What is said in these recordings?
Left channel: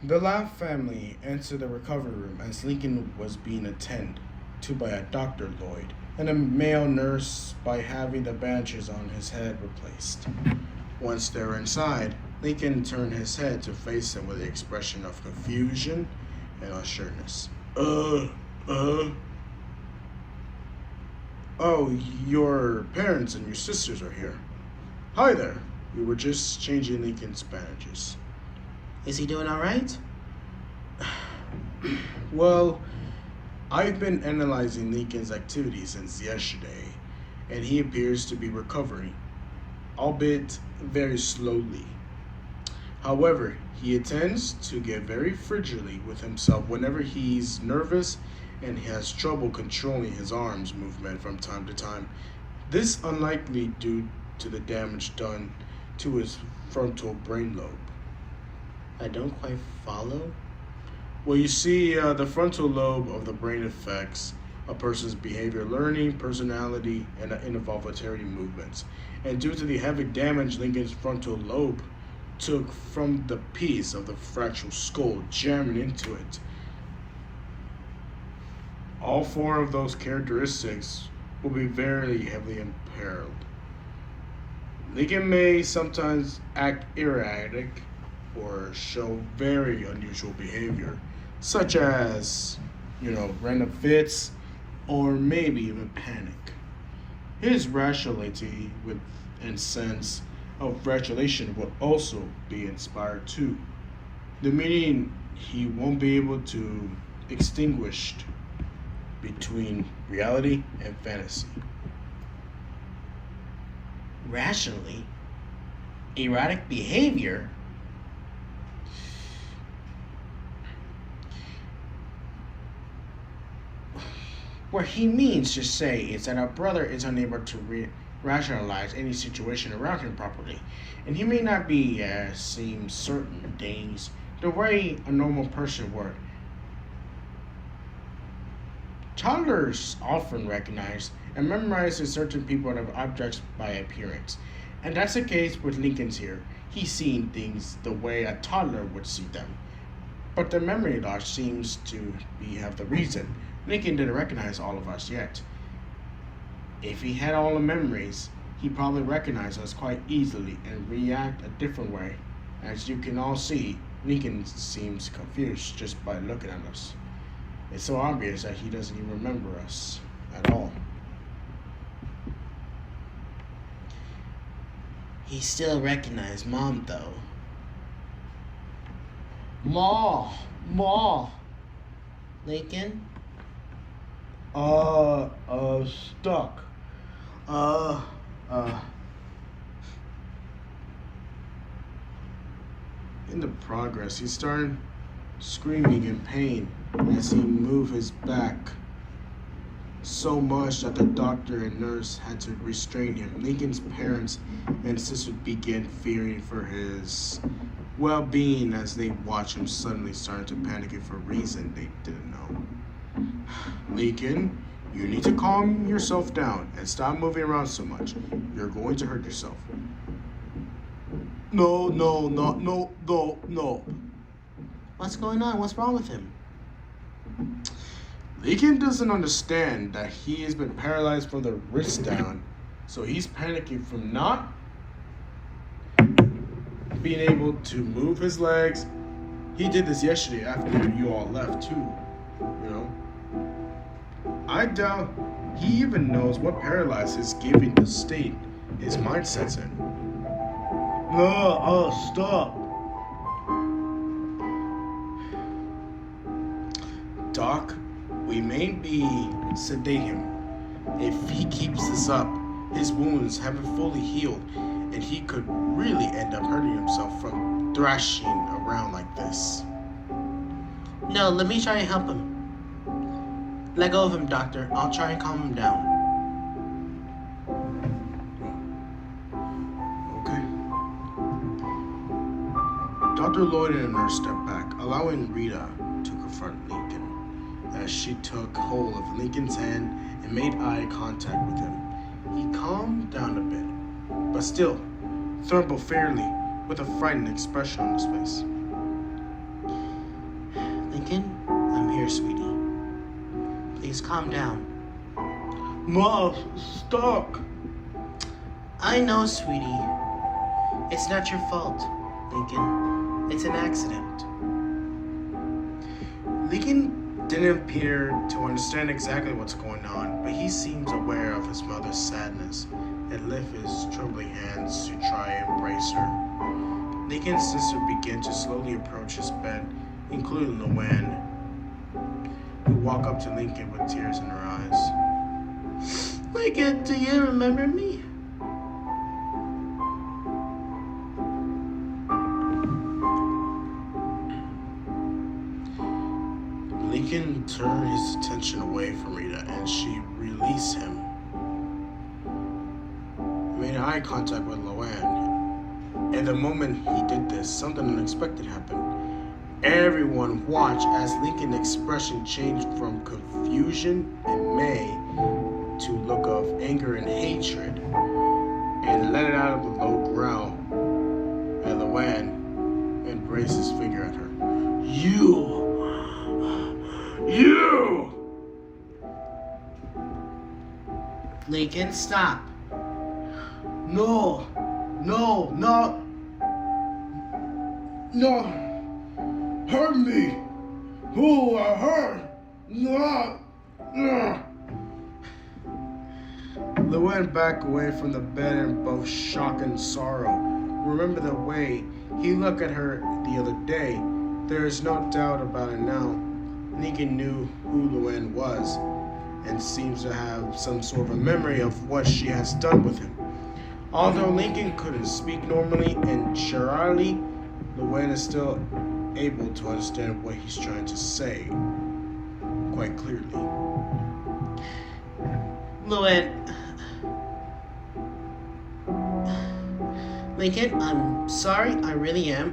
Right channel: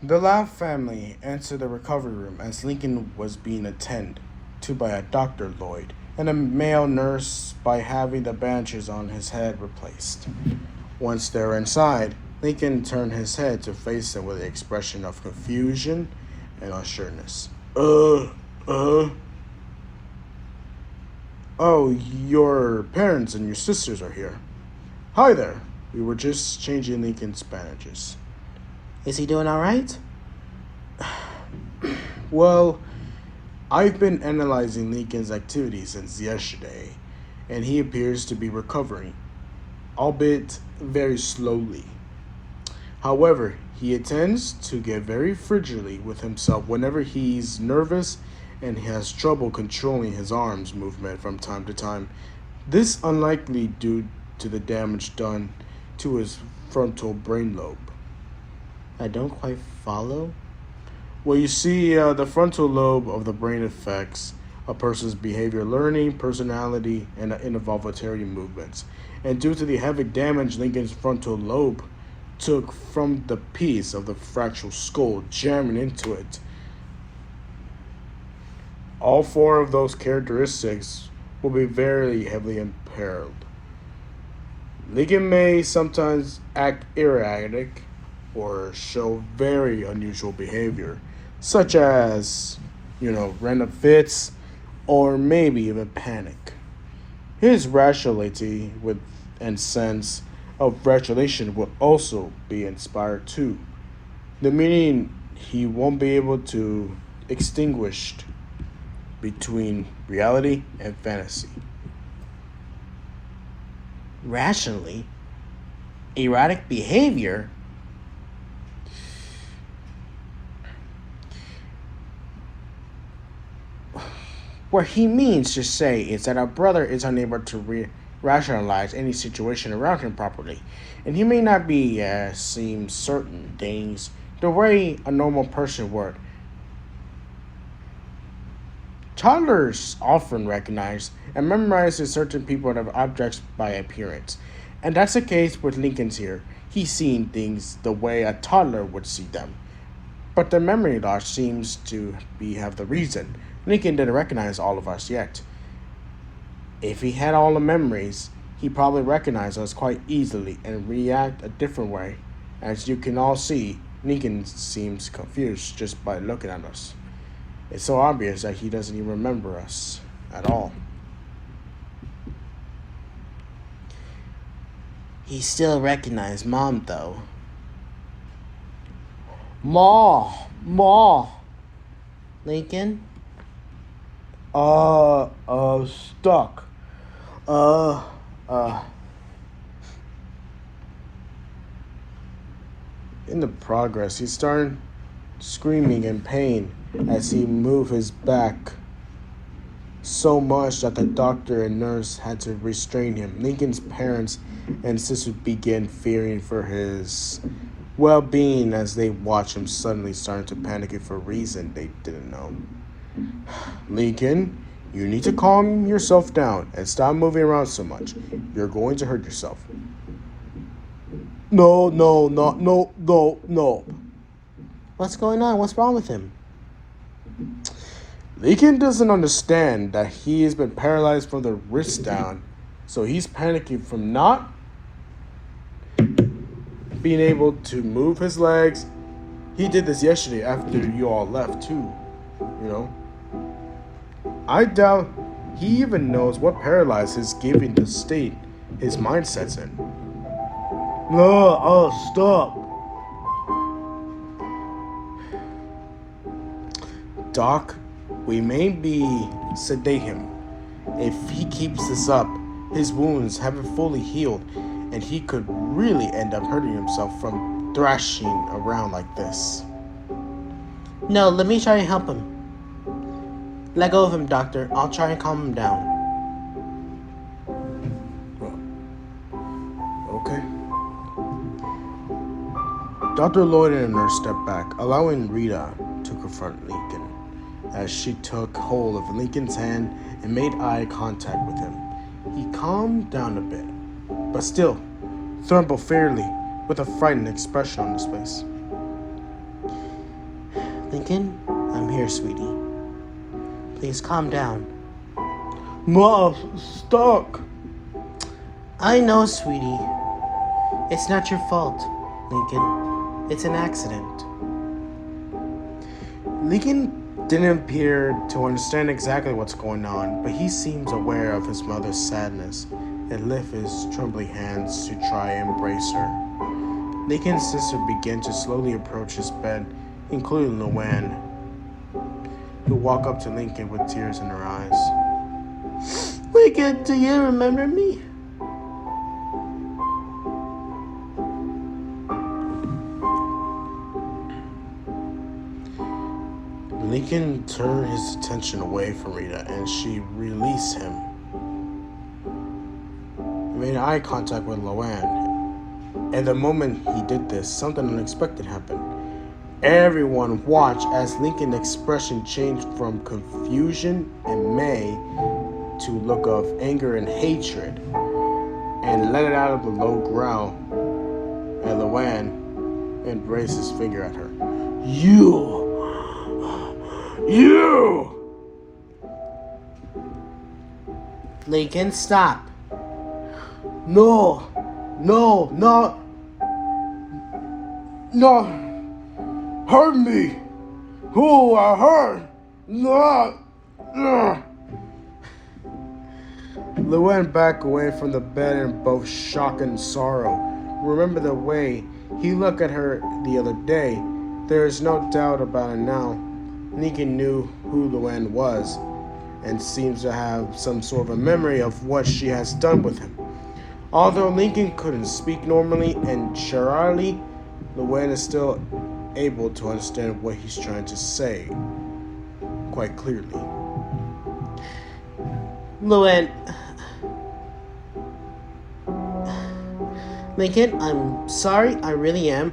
The Laugh family entered the recovery room as Lincoln was being attended to by a Dr. Lloyd and a male nurse by having the bandages on his head replaced. Once they were inside, Lincoln turned his head to face them with an expression of confusion and unsureness. Uh, oh, your parents and your sisters are here. Hi there. We were just changing Lincoln's bandages. Is he doing all right? Well, I've been analyzing Lincoln's activities since yesterday, and he appears to be recovering, albeit very slowly. However, he tends to get very frigidly with himself whenever he's nervous and he has trouble controlling his arms movement from time to time. This unlikely due to the damage done to his frontal brain lobe. I don't quite follow. Well, you see, the frontal lobe of the brain affects a person's behavior, learning, personality, and involuntary movements. And due to the heavy damage Lincoln's frontal lobe took from the piece of the fractured skull jamming into it, all four of those characteristics will be very heavily impaired. Lincoln may sometimes act erratic or show very unusual behavior, such as, random fits or maybe even panic. His rationality and sense of regulation will also be inspired too. The meaning he won't be able to extinguish between reality and fantasy. Rationally, erratic behavior. What he means to say is that our brother is unable to rationalize any situation around him properly, and he may not be seem certain things the way a normal person would. Toddlers often recognize and memorize certain people and objects by appearance, and that's the case with Lincoln's here. He's seeing things the way a toddler would see them, but the memory loss seems to have the reason. Lincoln didn't recognize all of us yet. If he had all the memories, he'd probably recognize us quite easily and react a different way. As you can all see, Lincoln seems confused just by looking at us. It's so obvious that he doesn't even remember us at all. He still recognized Mom, though. Ma. Lincoln? Stuck. In the progress, he started screaming in pain as he moved his back so much that the doctor and nurse had to restrain him. Lincoln's parents and sisters began fearing for his well-being as they watched him suddenly starting to panic for a reason they didn't know. Lincoln, you need to calm yourself down and stop moving around so much. You're going to hurt yourself. No. What's going on? What's wrong with him? Lincoln doesn't understand that he has been paralyzed from the wrist down, so he's panicking from not being able to move his legs. He did this yesterday after you all left too, I doubt he even knows what paralysis giving the state his mindset's in. No, stop. Doc, we may be sedate him. If he keeps this up, his wounds haven't fully healed, and he could really end up hurting himself from thrashing around like this. No, let me try and help him. Let go of him, Doctor. I'll try and calm him down. Okay. Dr. Lloyd and a nurse stepped back, allowing Rita to confront Lincoln as she took hold of Lincoln's hand and made eye contact with him. He calmed down a bit, but still trembled fairly with a frightened expression on his face. Lincoln, I'm here, sweetie. Please calm down. Mom, stop. I know, sweetie. It's not your fault, Lincoln. It's an accident. Lincoln didn't appear to understand exactly what's going on, but he seems aware of his mother's sadness and lifted his trembling hands to try and embrace her. Lincoln's sister began to slowly approach his bed, including Luanne, who walked up to Lincoln with tears in her eyes. Lincoln, do you remember me? Lincoln turned his attention away from Rita and she released him. He made eye contact with Luanne. And the moment he did this, something unexpected happened. Everyone watched as Lincoln's expression changed from confusion and May to a look of anger and hatred, and let it out of a low growl. And Luanne embraced his finger at her. You! Lincoln, stop. No! Hurt me! Who I hurt? No! Luanne backed away from the bed in both shock and sorrow. Remember the way he looked at her the other day. There is no doubt about it now. Lincoln knew who Luanne was and seems to have some sort of a memory of what she has done with him. Although Lincoln couldn't speak normally and Charlie, Luanne is still able to understand what he's trying to say quite clearly. Luanne. Lincoln, I'm sorry, I really am.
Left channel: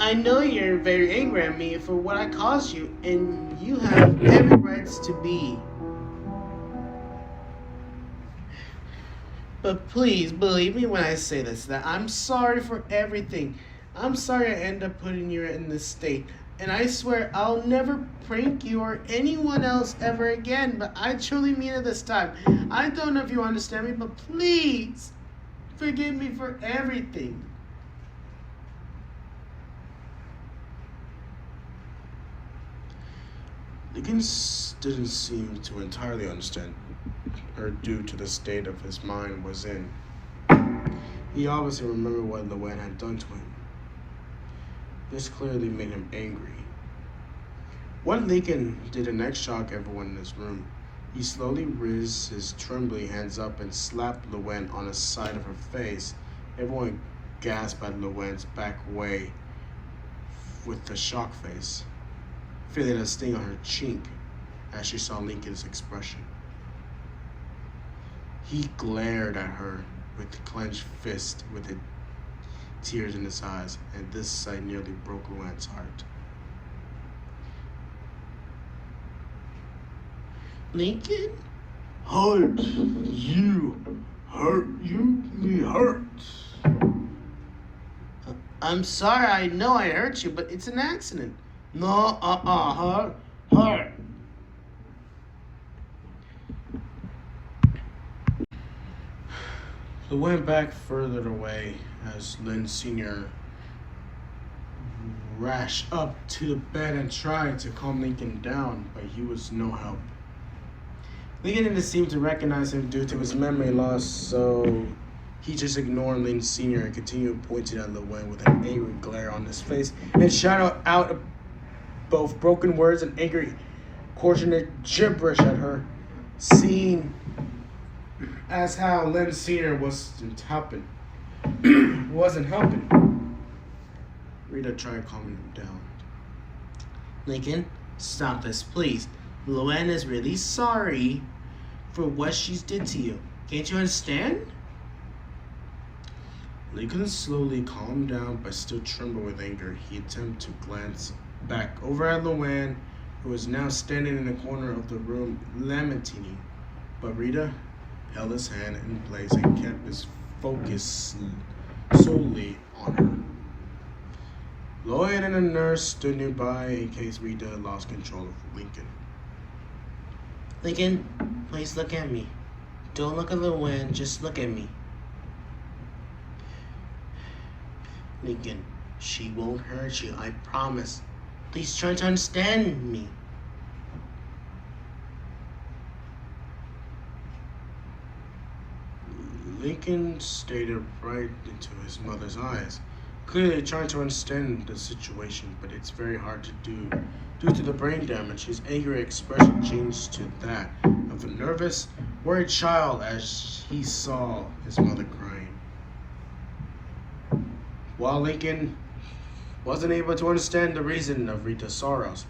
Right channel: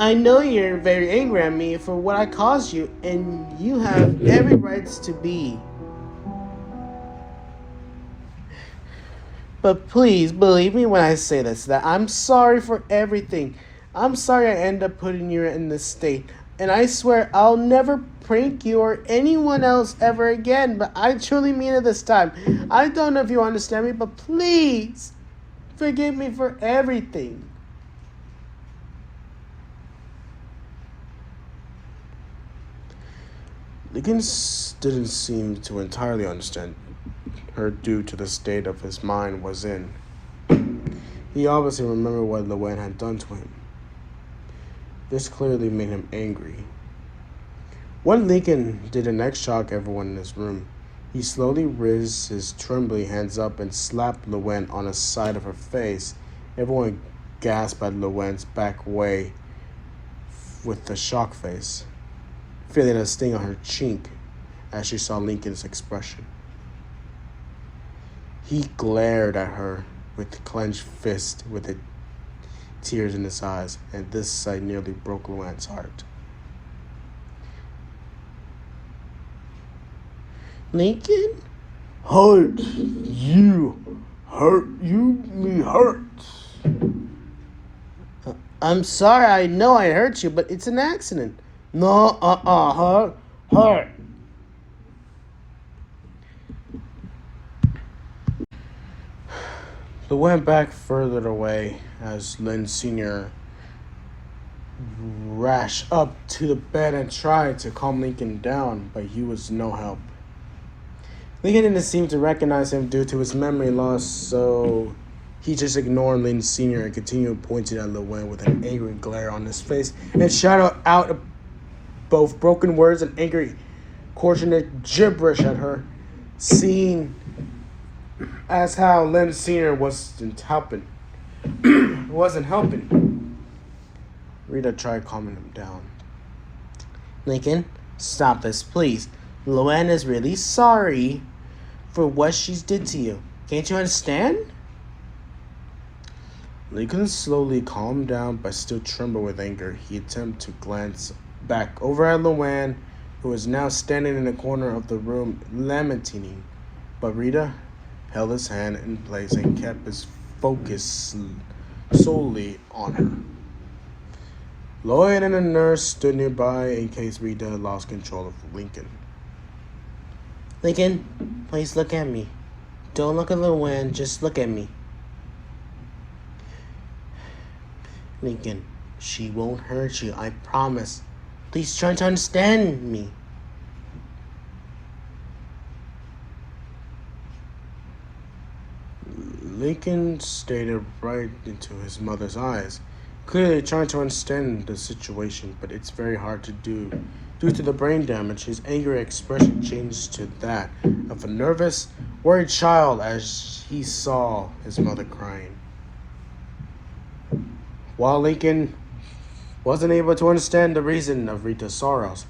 I know you're very angry at me for what I caused you, and you have every right to be. But please believe me when I say this, that I'm sorry for everything. I'm sorry I ended up putting you in this state. And I swear I'll never prank you or anyone else ever again. But I truly mean it this time. I don't know if you understand me, but please forgive me for everything. Lincoln didn't seem to entirely understand her due to the state of his mind was in. He obviously remembered what Luanne had done to him. This clearly made him angry. What Lincoln did next shocked everyone in this room. He slowly raised his trembling hands up and slapped Luanne on the side of her face. Everyone gasped at Luanne's back way with the shock face, feeling a sting on her cheek as she saw Lincoln's expression. He glared at her with clenched fist with the tears in his eyes, and this sight nearly broke Luanne's heart. Lincoln? Hurt you. Hurt you. Me hurt. I'm sorry, I know I hurt you, but it's an accident. No, hurt. Luanne back further away as Lynn Sr. rushed up to the bed and tried to calm Lincoln down, but he was no help. Lincoln didn't seem to recognize him due to his memory loss, so he just ignored Lynn Sr. and continued pointing at Luanne with an angry glare on his face and shouted out both broken words and angry, coordinated gibberish at her, seeing as how Lynn Sr. wasn't helping. Rita tried calming him down. Lincoln, stop this, please. Luanne is really sorry for what she's did to you. Can't you understand? Lincoln slowly calmed down but still trembled with anger. He attempted to glance back over at Luanne, who was now standing in the corner of the room lamenting. But Rita held his hand in place and kept his focus solely on him. Lloyd and a nurse stood nearby in case Rita lost control of Lincoln. Lincoln, please look at me. Don't look at Luanne, just look at me. Lincoln, she won't hurt you, I promise. Please try to understand me. Lincoln stared right into his mother's eyes, clearly trying to understand the situation, but it's very hard to do. Due to the brain damage, his angry expression changed to that of a nervous, worried child as he saw his mother crying. While Lincoln wasn't able to understand the reason of Rita's sorrows,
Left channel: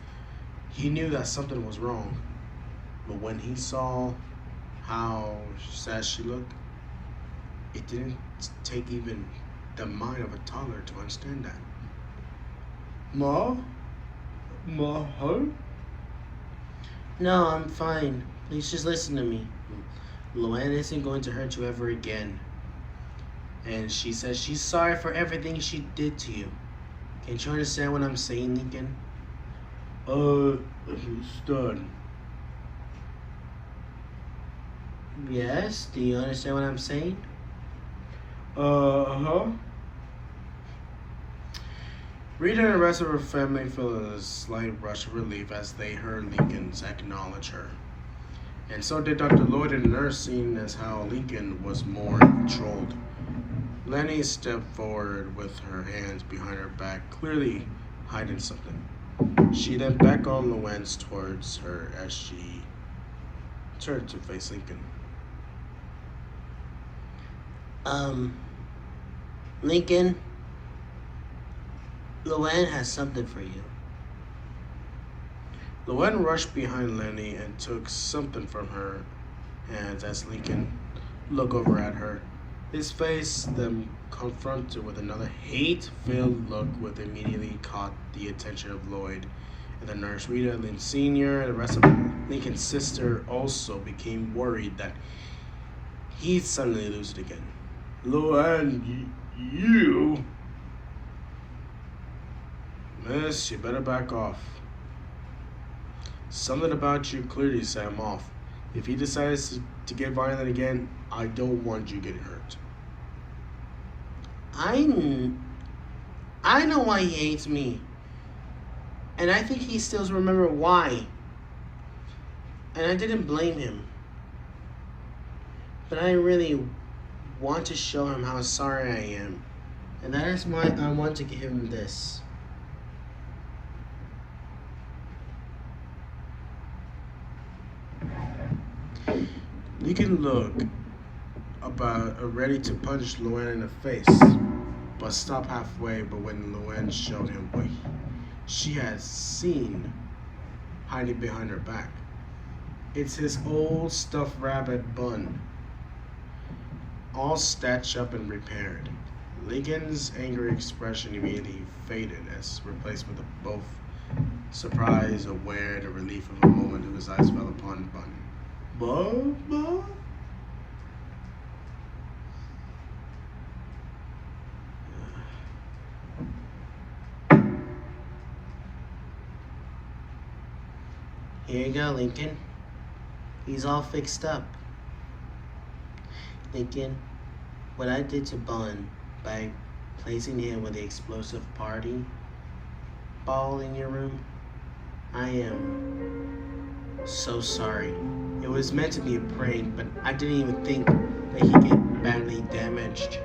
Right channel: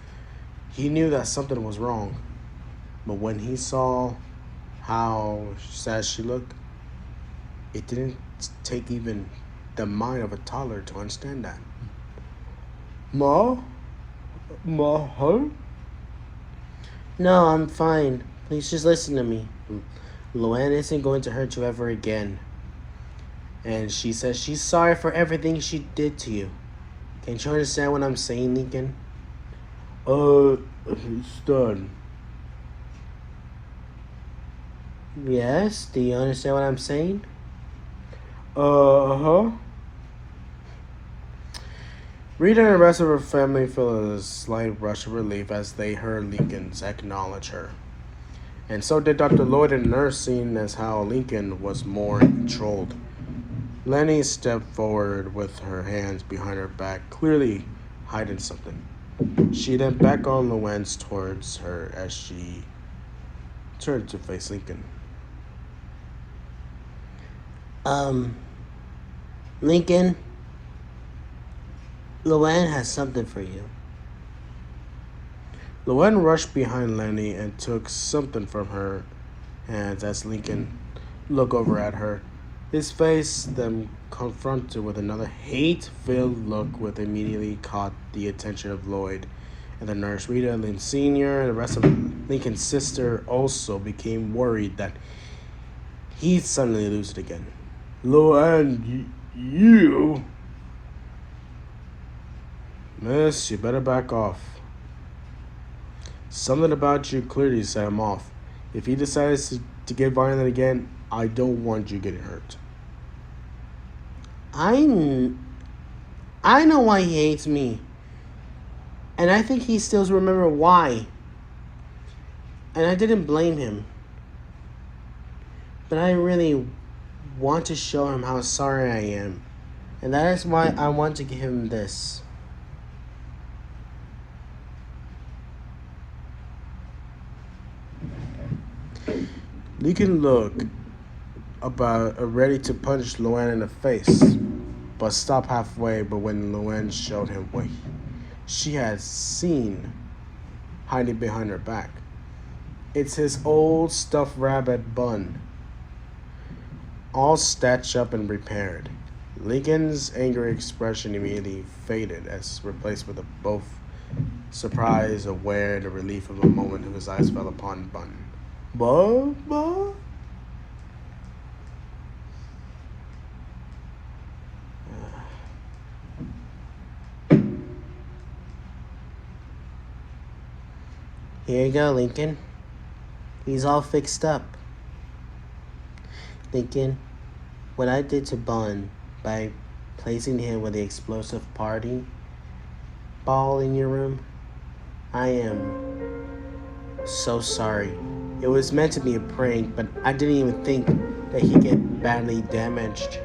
he knew that something was wrong. But when he saw how sad she looked, it didn't take even the mind of a toddler to understand that. Ma? Huh? No, I'm fine. Please just listen to me. Luanne isn't going to hurt you ever again. And she says she's sorry for everything she did to you. Can't you understand what I'm saying, Lincoln? It's done. Yes? Do you understand what I'm saying? Uh-huh. Rita and the rest of her family felt a slight rush of relief as they heard Lincoln's acknowledge her. And so did Dr. Lloyd and the nurse, seeing as how Lincoln was more controlled. Lenny stepped forward with her hands behind her back, clearly hiding something. She then backed on Luanne towards her as she turned to face Lincoln. Lincoln, Luanne has something for you. Luanne rushed behind Lenny and took something from her hands as Lincoln looked over at her. His face, then confronted with another hate-filled look, which immediately caught the attention of Lloyd and the nurse. Rita, Lynn Sr., and the rest of Lincoln's sister also became worried that he'd suddenly lose it again. Luanne, you... Miss, you better back off. Something about you clearly set him off. If he decides to get violent again, I don't want you getting hurt. I know why he hates me. And I think he still remember why. And I didn't blame him. But I really want to show him how sorry I am. And that is why I want to give him this. Lincoln looked about ready to punch Luanne in the face, but stopped halfway. But when Luanne showed him what she had seen hiding behind her back, it's his old stuffed rabbit bun, all stitched up and repaired. Lincoln's angry expression immediately faded as replaced with both surprise, aware, and the relief of a moment his eyes fell upon the bun. Bubba? Here you go, Lincoln. He's all fixed up. Lincoln, what I did to Bun by placing him with the explosive party ball in your room, I am so sorry. It was meant to be a prank, but I didn't even think that he'd get badly damaged.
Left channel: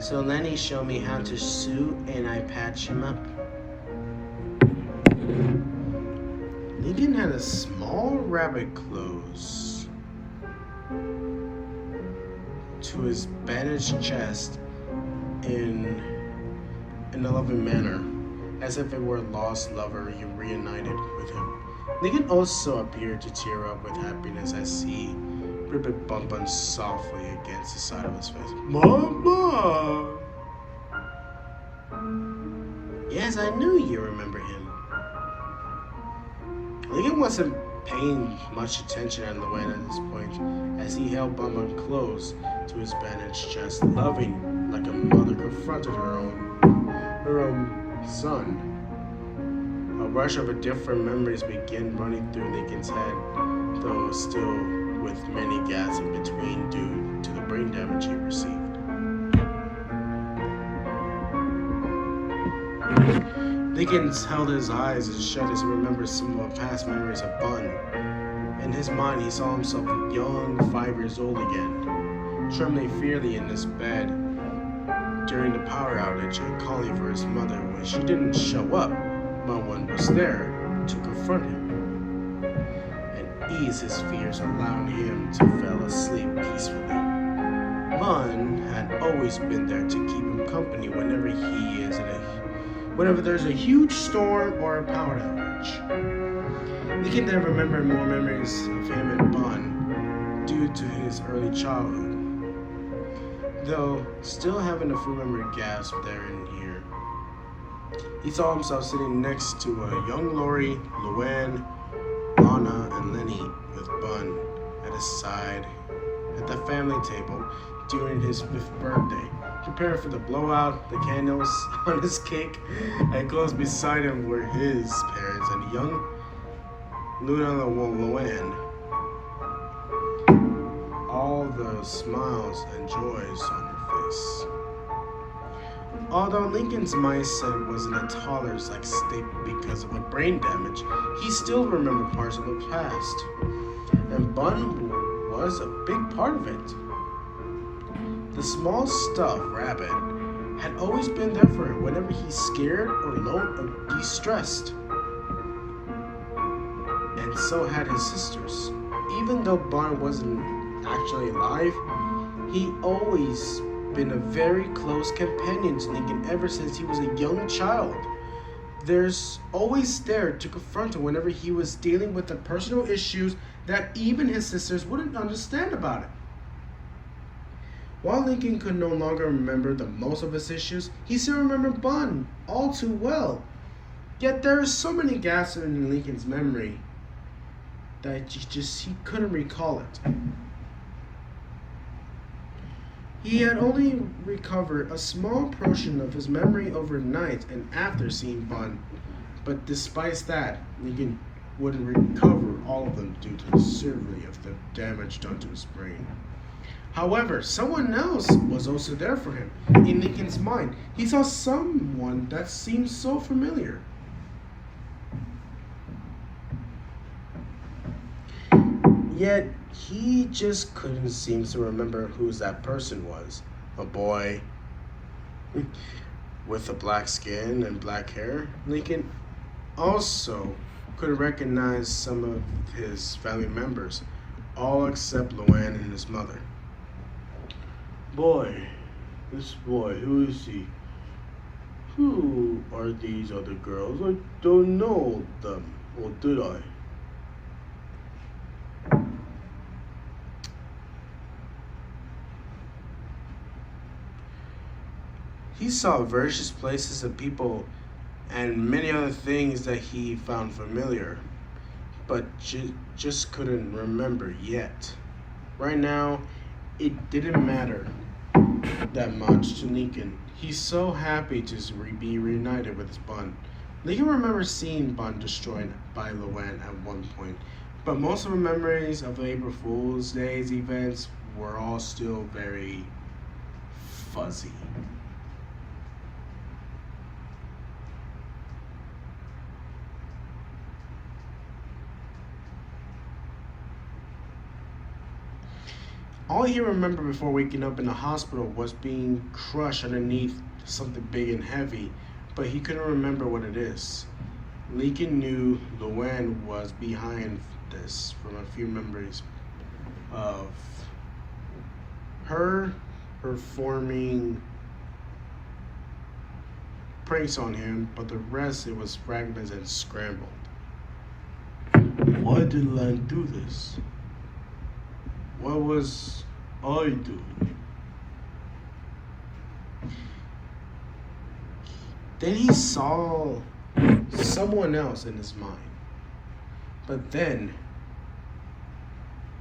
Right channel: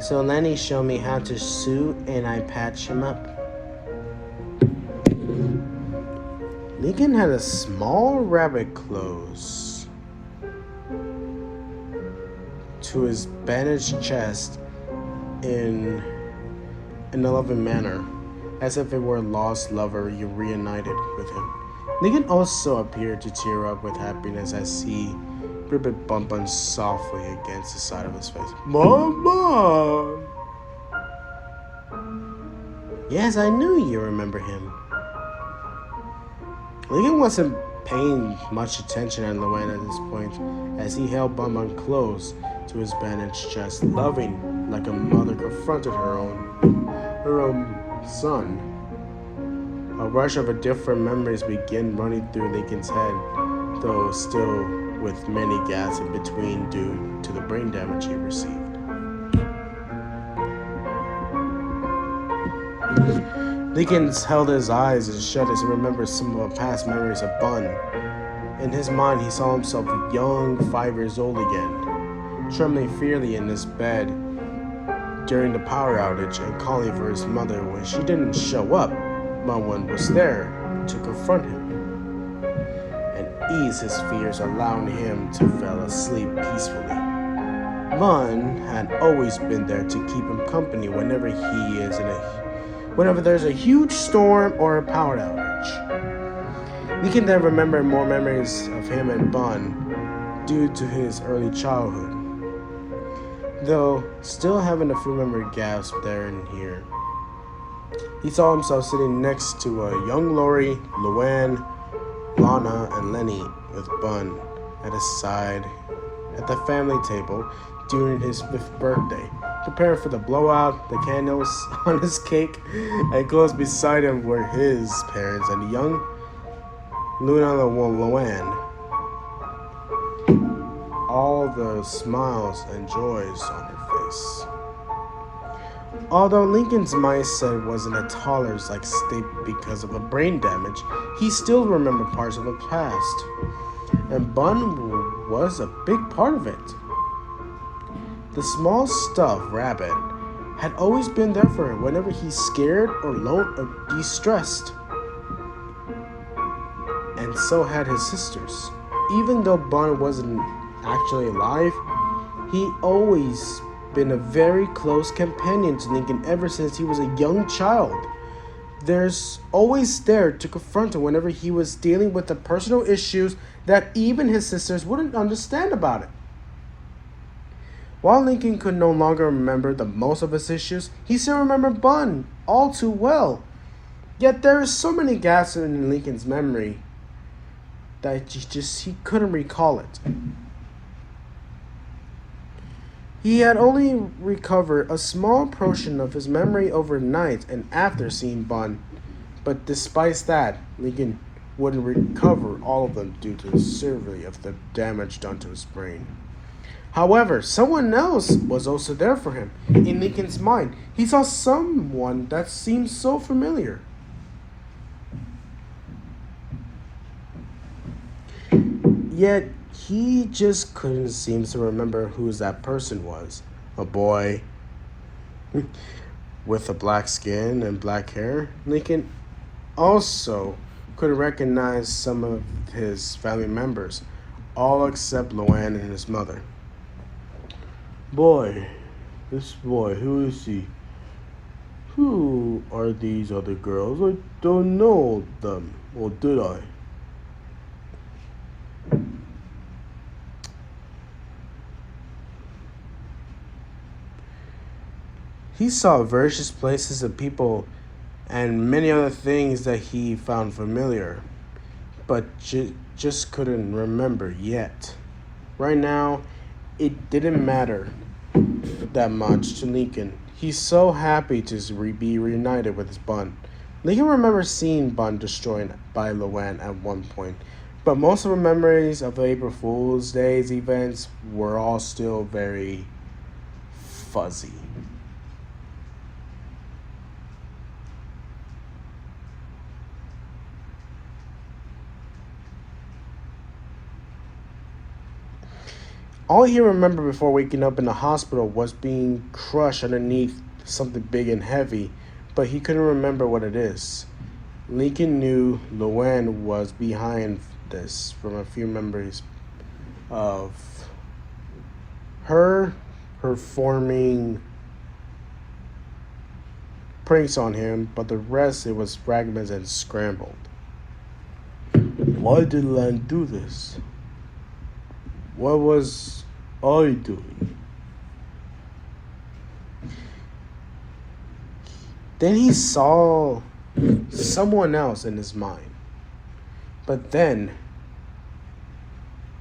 So Lenny showed me how to sew, and I patched him up. Lincoln had a small rabbit close to his bandaged chest in a loving manner, as if it were a lost lover reunited with him. Lincoln also appeared to tear up with happiness as he ribbit bumped softly against the side of his face. Mama! Yes, I knew you remember him. Lincoln wasn't paying much attention on Luanne at this point, as he held Bun close to his bandaged chest, loving like a mother confronted her own rush of different memories began running through Lincoln's head, though still with many gaps in between due to the brain damage he received. Lincoln held his eyes and shut as he remembered some of the past memories of Bun. In his mind, he saw himself young, 5 years old again, trembling fearfully in his bed during the power outage and calling for his mother when she didn't show up. No one was there to confront him and ease his fears, allowing him to fall asleep peacefully. Lon had always been there to keep him company whenever whenever there's a huge storm or a power outage. Lincoln then remembered more memories of him and Bun due to his early childhood, though still having a few memory gaps there and here. He saw himself sitting next to a young Lori, Luanne, Lana, and Lenny with Bun at his side at the family table during his 5th birthday, preparing for the blowout, the candles on his cake, and close beside him were his parents and the young Luanne. All the smiles and joys on her face. Although Lincoln's mindset was in a toddler's-like state because of the brain damage, he still remembered parts of the past, and Bun was a big part of it. The small stuffed rabbit had always been there for him whenever he's scared or alone or distressed. And so had his sisters. Even though Bun wasn't actually alive, he always been a very close companion to Lincoln ever since he was a young child. There's always there to confront him whenever he was dealing with the personal issues that even his sisters wouldn't understand about it. While Lincoln could no longer remember the most of his issues, he still remembered Bun all too well. Yet there are so many gaps in Lincoln's memory that he couldn't recall it. He had only recovered a small portion of his memory overnight and after seeing Bun, but despite that, Lincoln wouldn't recover all of them due to the severity of the damage done to his brain. However, someone else was also there for him. In Lincoln's mind, he saw someone that seemed so familiar. Yet, he just couldn't seem to remember who that person was. A boy with a black skin and black hair. Lincoln also couldn't recognize some of his family members, all except Luanne and his mother. This boy, who is he? Who are these other girls? I don't know them, or did I? He saw various places and people and many other things that he found familiar, but just couldn't remember yet. Right now, it didn't matter that much to Lincoln. He's so happy to be reunited with his Bun. Lincoln remembers seeing Bun destroyed by Luanne at one point, but most of the memories of the April Fool's Day's events were all still very fuzzy. All he remembered before waking up in the hospital was being crushed underneath something big and heavy, but he couldn't remember what it is. Lincoln knew Luanne was behind this from a few memories of her performing pranks on him, but the rest, it was fragments and scrambled. Why did Luanne do this? What was I doing? Then he saw someone else in his mind. But then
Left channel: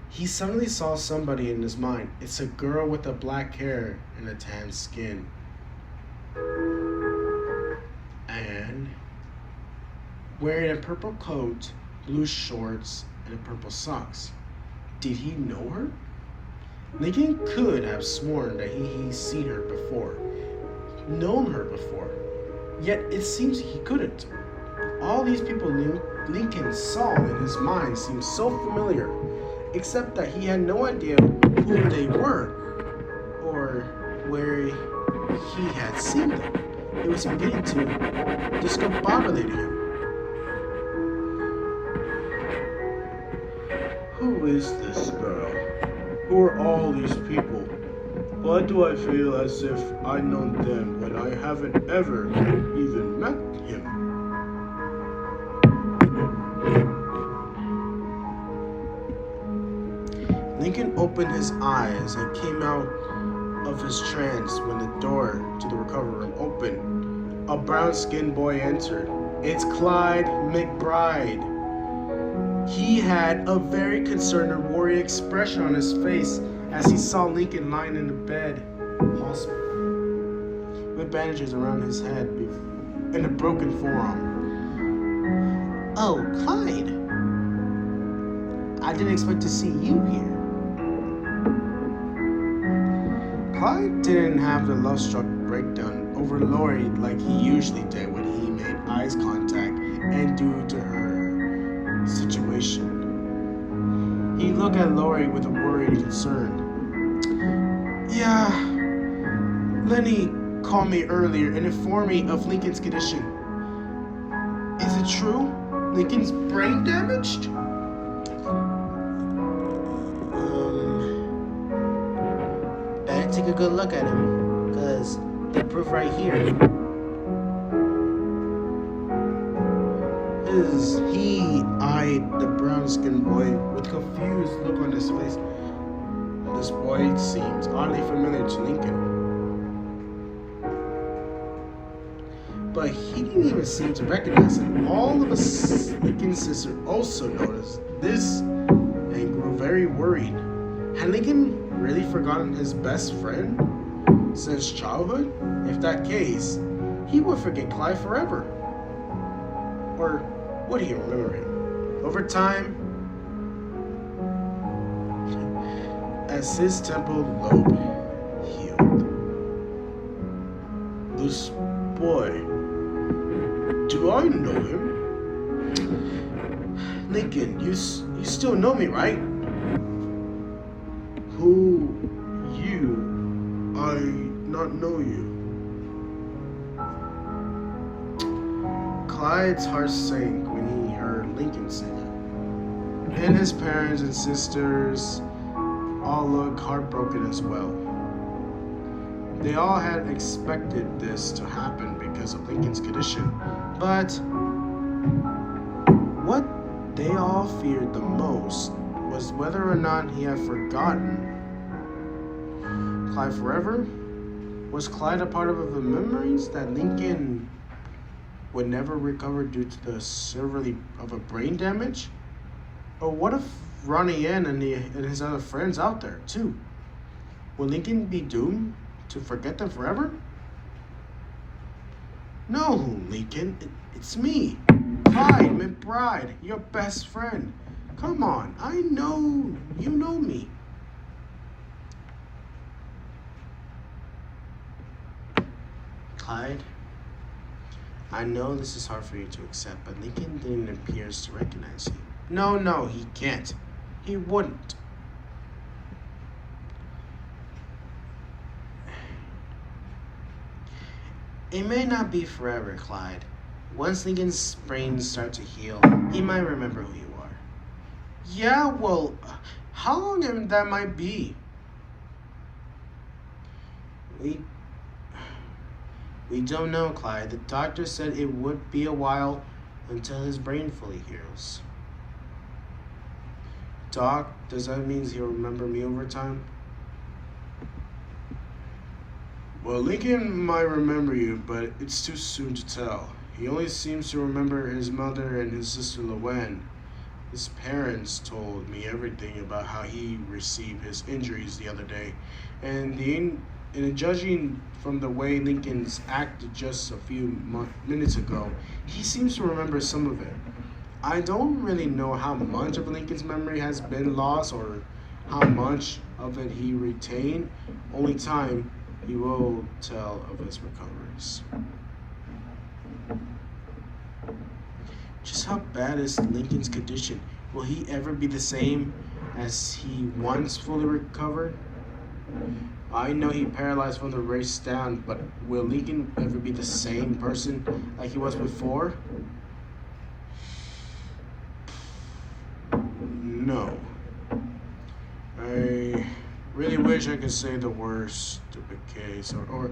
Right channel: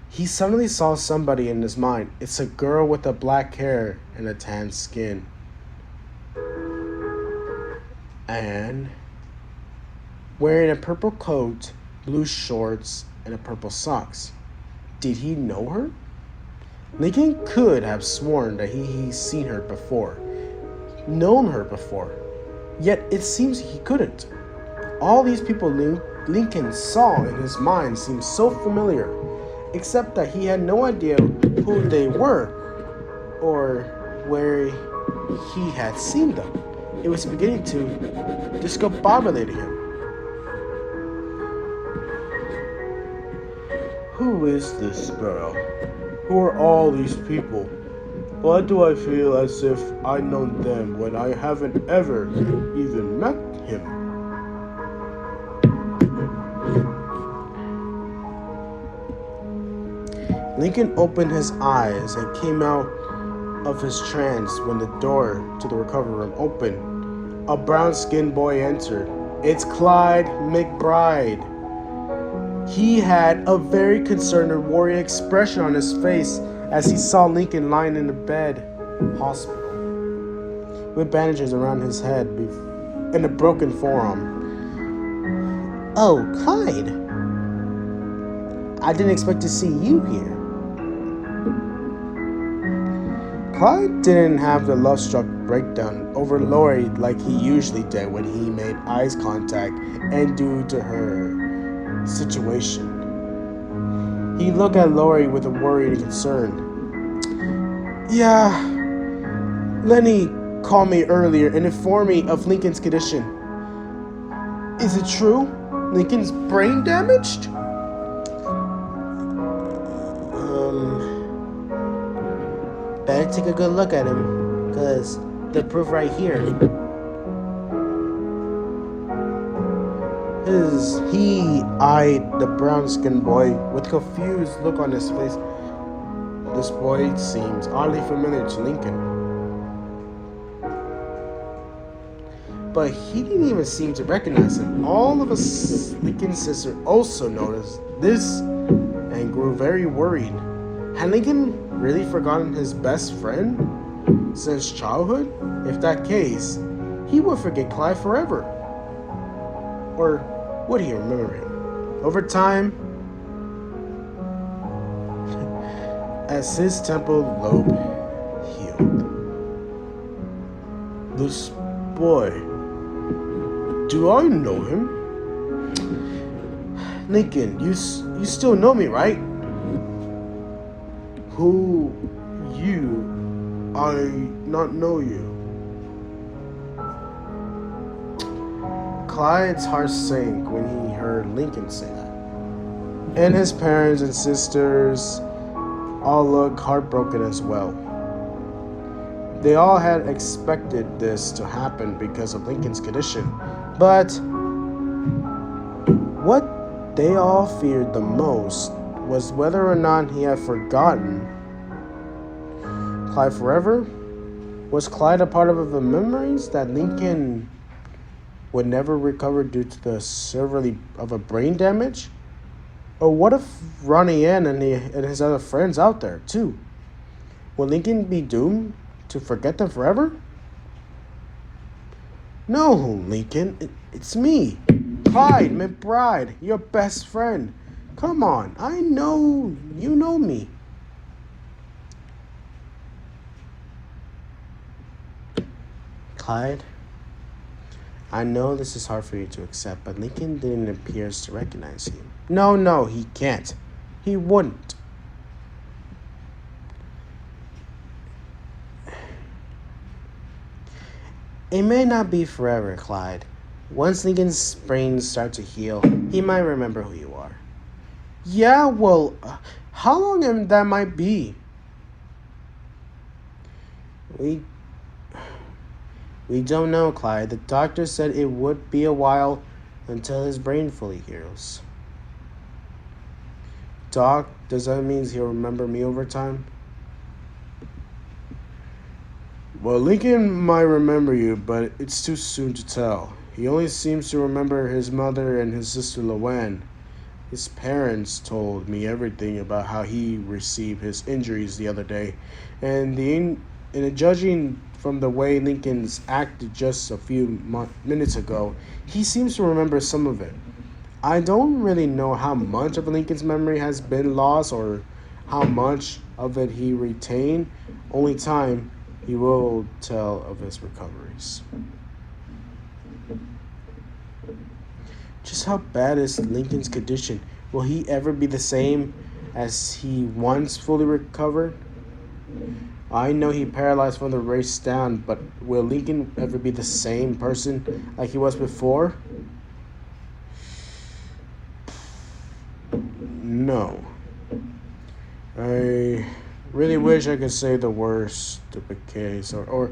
he suddenly saw somebody in his mind. It's a girl with a black hair and a tan skin. And wearing a purple coat, blue shorts, and a purple socks. Did he know her? Lincoln could have sworn that he's seen her before, known her before, yet it seems he couldn't. All these people Lincoln saw in his mind seemed so familiar, except that he had no idea who they were or where he had seen them. It was beginning to discombobulate him. Who is this girl? Who are all these people? Why do I feel as if I know them when I haven't ever even met him? Lincoln opened his eyes and came out of his trance when the door to the recovery room opened. A brown-skinned boy entered. It's Clyde McBride. He had a very concerned and worried expression on his face as he saw Lincoln lying in the bed, hospital, with bandages around his head and a broken forearm. Oh, Clyde. I didn't expect to see you here. Clyde didn't have the love-struck breakdown over Lori like he usually did when he made eyes contact and due to her situation. He looked at Lori with a worried concern. Yeah, Lenny called me earlier and informed me of Lincoln's condition. Is it true? Lincoln's brain damaged? Better take a good look at him, because the proof right here. He eyed the brown-skinned boy with a confused look on his face. This boy seems oddly familiar to Lincoln. But he didn't even seem to recognize him. All of Lincoln's sister also noticed this and grew very worried. Had Lincoln really forgotten his best friend since childhood? If that case, he would forget Clyde forever. Or would he remember him? Over time, as his temple lobe healed. This boy, do I know him? Lincoln, you still know me, right? Who you? I not know you. Clyde's heart sank when he heard Lincoln say that. And his parents and sisters all looked heartbroken as well. They all had expected this to happen because of Lincoln's condition, but what they all feared the most was whether or not he had forgotten Clyde forever. Was Clyde a part of the memories that Lincoln would never recover due to the severity of a brain damage? Or what if Ronnie Anne and his other friends out there too? Will Lincoln be doomed to forget them forever? No, Lincoln, it's me, Clyde McBride, your best friend. Come on, I know you know me. Clyde, I know this is hard for you to accept, but Lincoln didn't appear to recognize you. No, he can't. He wouldn't. It may not be forever, Clyde. Once Lincoln's brain starts to heal, he might remember who you are. Yeah, well, how long that might be? We don't know, Clyde. The doctor said it would be a while until his brain fully heals. Doc, does that mean he'll remember me over time? Well, Lincoln might remember you, but it's too soon to tell. He only seems to remember his mother and his sister Luanne. His parents told me everything about how he received his injuries the other day, and And judging from the way Lincoln's acted just a few minutes ago, he seems to remember some of it. I don't really know how much of Lincoln's memory has been lost or how much of it he retained. Only time he will tell of his recoveries. Just how bad is Lincoln's condition? Will he ever be the same as he once fully recovered? I know he paralyzed from the waist down, but will Lincoln ever be the same person like he was before? No. I really wish I could say the worst to the case, or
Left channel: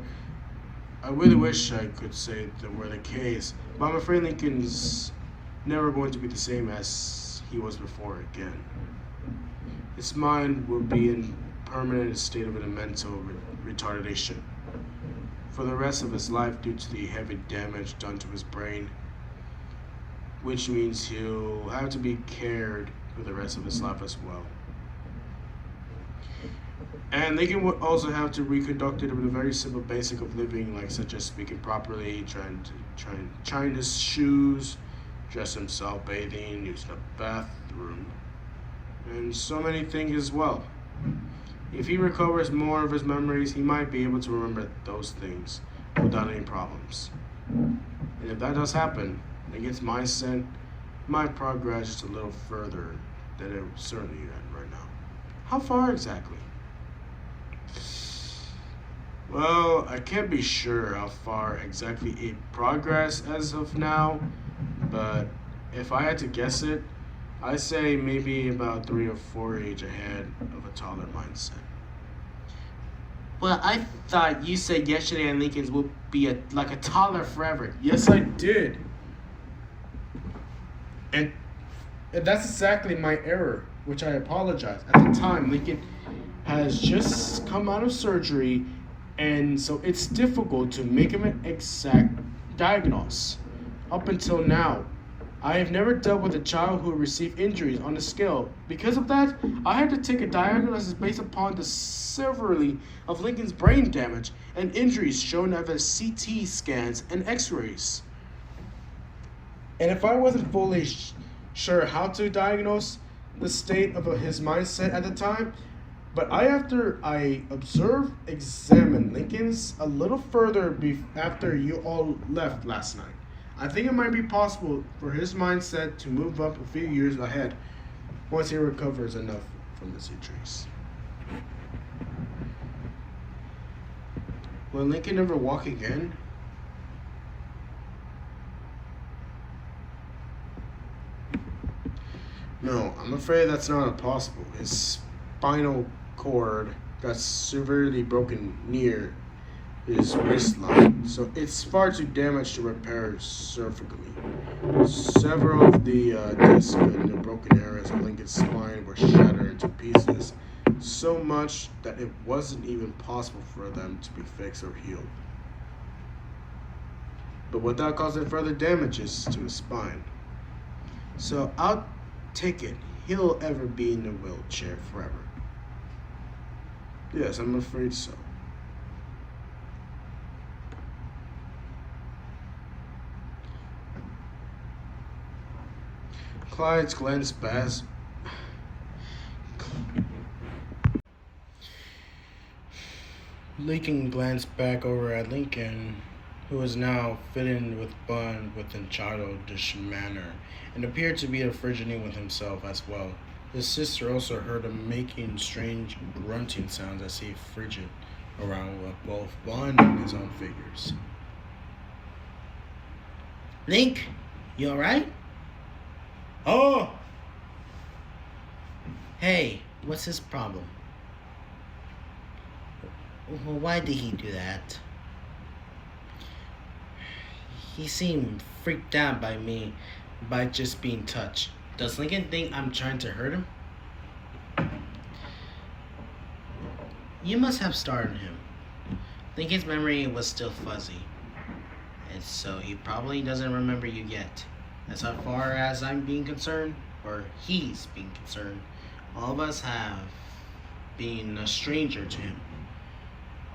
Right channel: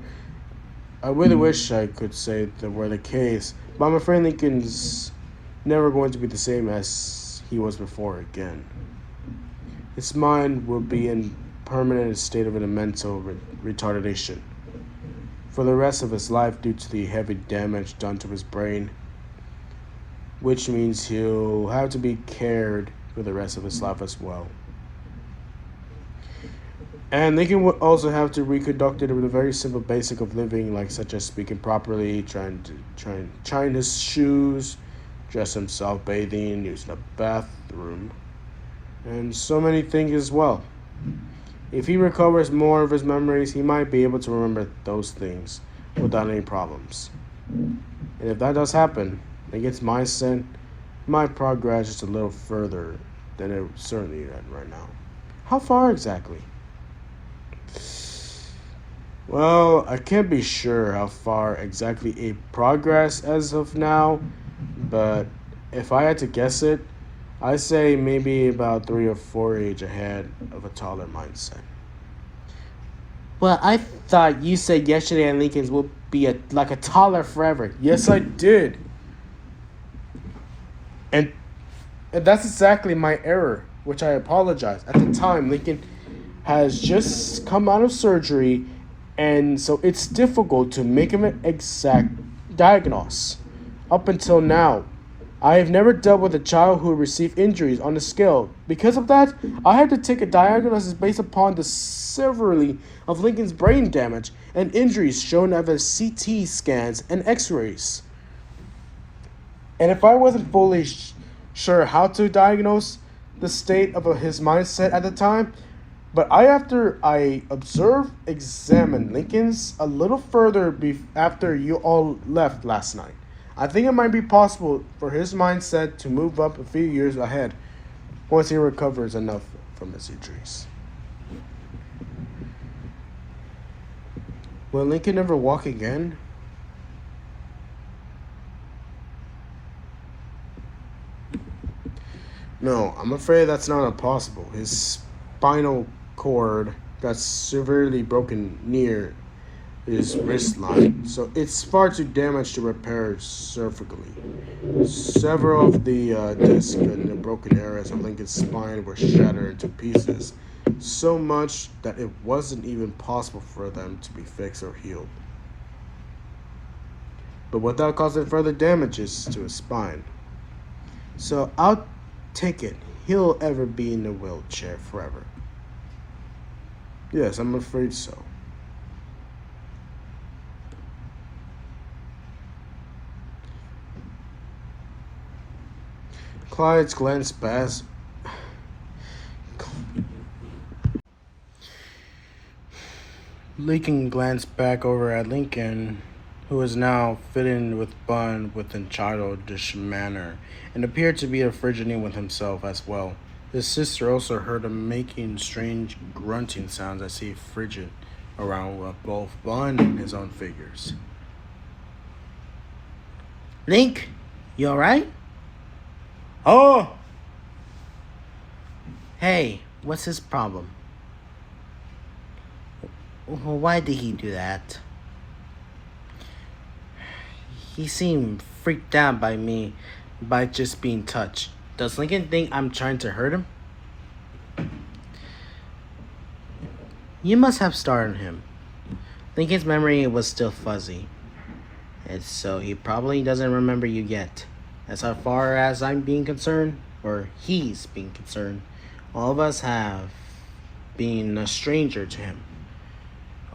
I really wish I could say that were the case, but I'm afraid Lincoln's never going to be the same as he was before again. His mind will be in permanent state of an mental retardation for the rest of his life due to the heavy damage done to his brain, which means he'll have to be cared for the rest of his life as well. And Lincoln will also have to reconduct it with a very simple basic of living, like such as speaking properly, tying his shoes, dress himself, bathing, using a bathroom, and so many things as well. If he recovers more of his memories, he might be able to remember those things without any problems. And if that does happen, Lincoln's mindset might progress just a little further than it certainly is right now. How far exactly? Well, I can't be sure how far exactly it progress as of now, but if I had to guess it, I say maybe about 3 or 4 age ahead of a taller mindset. Well, I thought you said yesterday and Lincoln's will be like a taller forever. Yes, I did. And that's exactly my error, which I apologize. At the time, Lincoln has just come out of surgery, and so it's difficult to make him an exact diagnosis. Up until now, I have never dealt with a child who received injuries on the scale. Because of that, I had to take a diagnosis based upon the severity of Lincoln's brain damage and injuries shown over CT scans and x-rays. And if I wasn't fully sure how to diagnose the state of his mindset at the time, but after I examined Lincoln's a little further after you all left last night, I think it might be possible for his mindset to move up a few years ahead once he recovers enough from his injuries. Will Lincoln ever walk again? No, I'm afraid that's not possible. His spinal cord got severely broken near his waistline, so it's far too damaged to repair surgically. Several of the discs in the broken areas of Lincoln's spine were shattered into pieces, so much that it wasn't even possible for them to be fixed or healed. But without causing further damages to his spine. So I'll take it he'll ever be in the wheelchair forever. Yes, I'm afraid so. Clyde's glanced past. Lincoln glanced back over at Lincoln, who was now fitting with bun with a childish manner, and appeared to be fidgeting with himself as well. His sister also heard him making strange grunting sounds as he fidgeted around with both Bun and his own figures. Link, you alright? Oh! Hey, what's his problem? Why did he do that? He seemed freaked out by me by just being touched. Does Lincoln think I'm trying to hurt him? You must have startled him. Lincoln's memory was still fuzzy, and so he probably doesn't remember you yet. As far as I'm being concerned, or he's being concerned, all of us have been a stranger to him.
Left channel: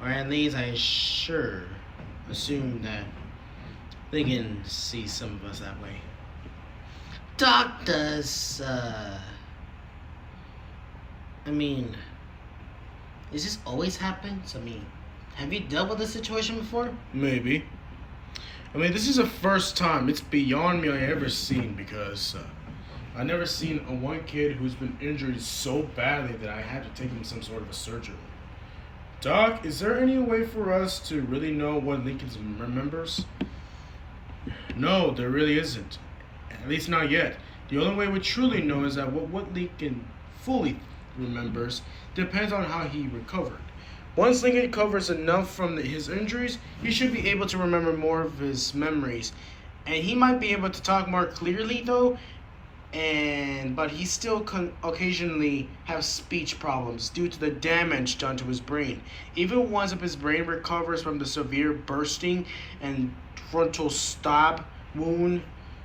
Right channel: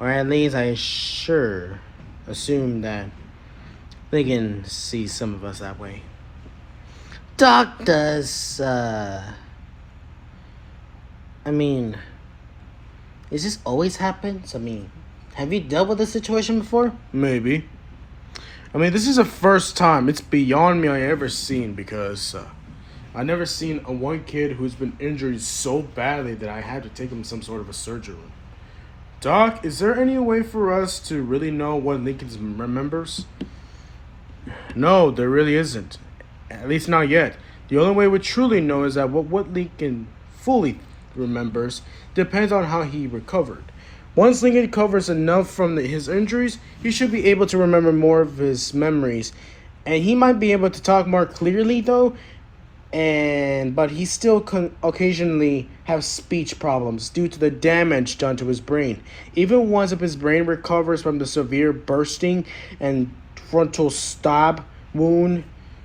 Or at least I sure assume that Lincoln sees some of us that way. Doc does, I mean, does this always happens? I mean, have you dealt with this situation before? Maybe. I mean, this is the first time. It's beyond me I ever seen because I never seen a one kid who's been injured so badly that I had to take him some sort of a surgery. Doc, is there any way for us to really know what Lincoln remembers? No, there really isn't. At least not yet. The only way we truly know is that what Lincoln fully remembers depends on how he recovered. Once Lincoln recovers enough from his injuries, he should be able to remember more of his memories. And he might be able to talk more clearly though, but he still occasionally has speech problems due to the damage done to his brain. Even once if his brain recovers from the severe bursting and frontal stab wound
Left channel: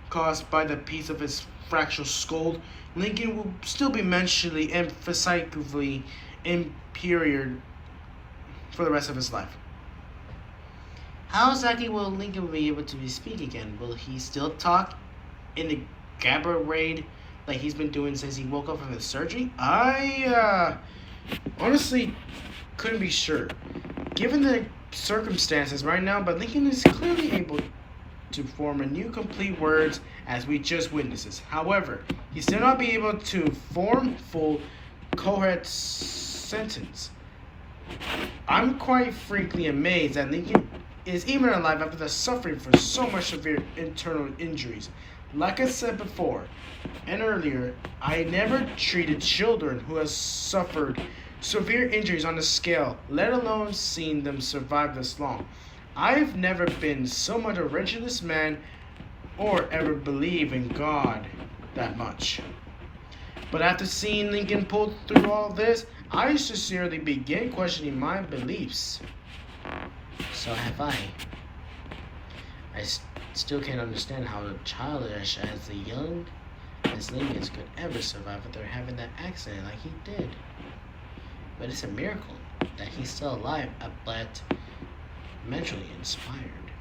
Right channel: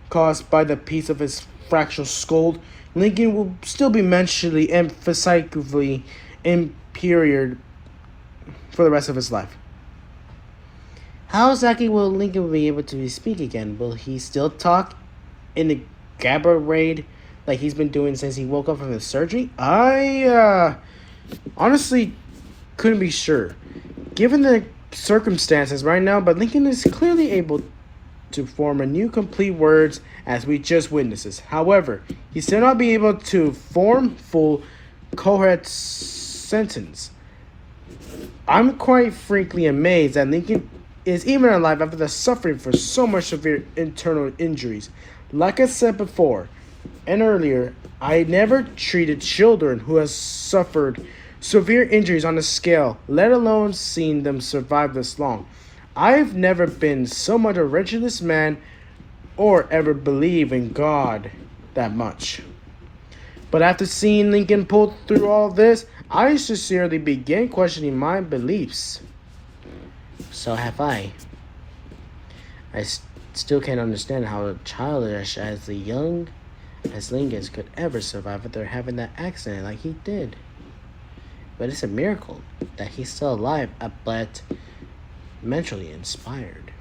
caused by the piece of his fractured skull, Lincoln will still be mentally and physically impaired for the rest of his life. How exactly will Lincoln be able to speak again? Will he still talk in the gabberade like he's been doing since he woke up from his surgery? I honestly couldn't be sure. Given the circumstances right now, but Lincoln is clearly able to form a new complete words as we just witnesses. However, he still not be able to form full coherent sentence. I'm quite frankly amazed that Lincoln is even alive after the suffering from so much severe internal injuries. Like I said before and earlier, I never treated children who have suffered severe injuries on a scale, let alone seen them survive this long. I've never been so much a religious man or ever believe in God that much. But after seeing Lincoln pull through all this, I sincerely began questioning my beliefs. So have I. I still can't understand how childish as young as Lincoln could ever survive after having that accident like he did. But it's a miracle that he's still alive, but mentally inspired.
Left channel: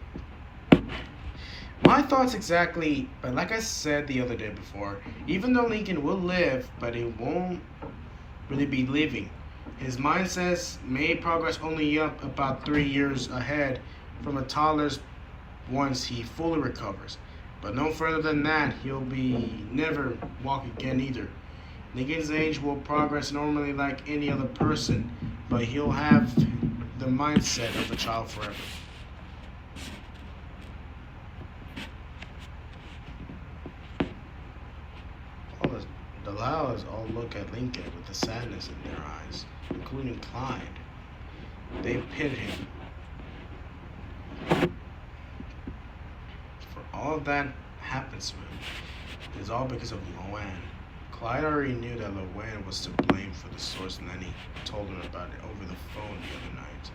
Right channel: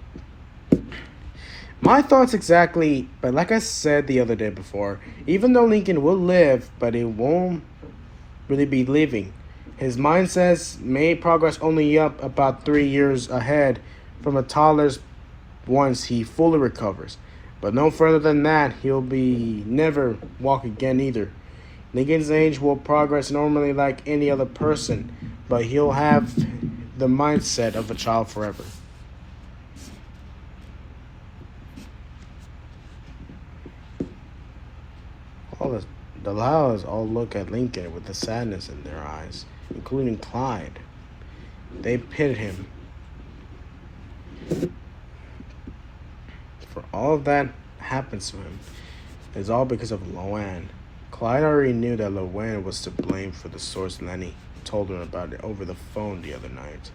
My thoughts exactly, but like I said the other day before, even though Lincoln will live, but it won't really be living. His mindsets may progress only up about 3 years ahead from a toddler's once he fully recovers. But no further than that, he'll be never walk again either. Lincoln's age will progress normally like any other person, but he'll have the mindset of a child forever. The Lyles all look at Lincoln with the sadness in their eyes, including Clyde. They pitied him. For all of that happens to him, it's all because of Luanne. Clyde already knew that Luanne was to blame for the source Lenny told him about it over the phone the other night.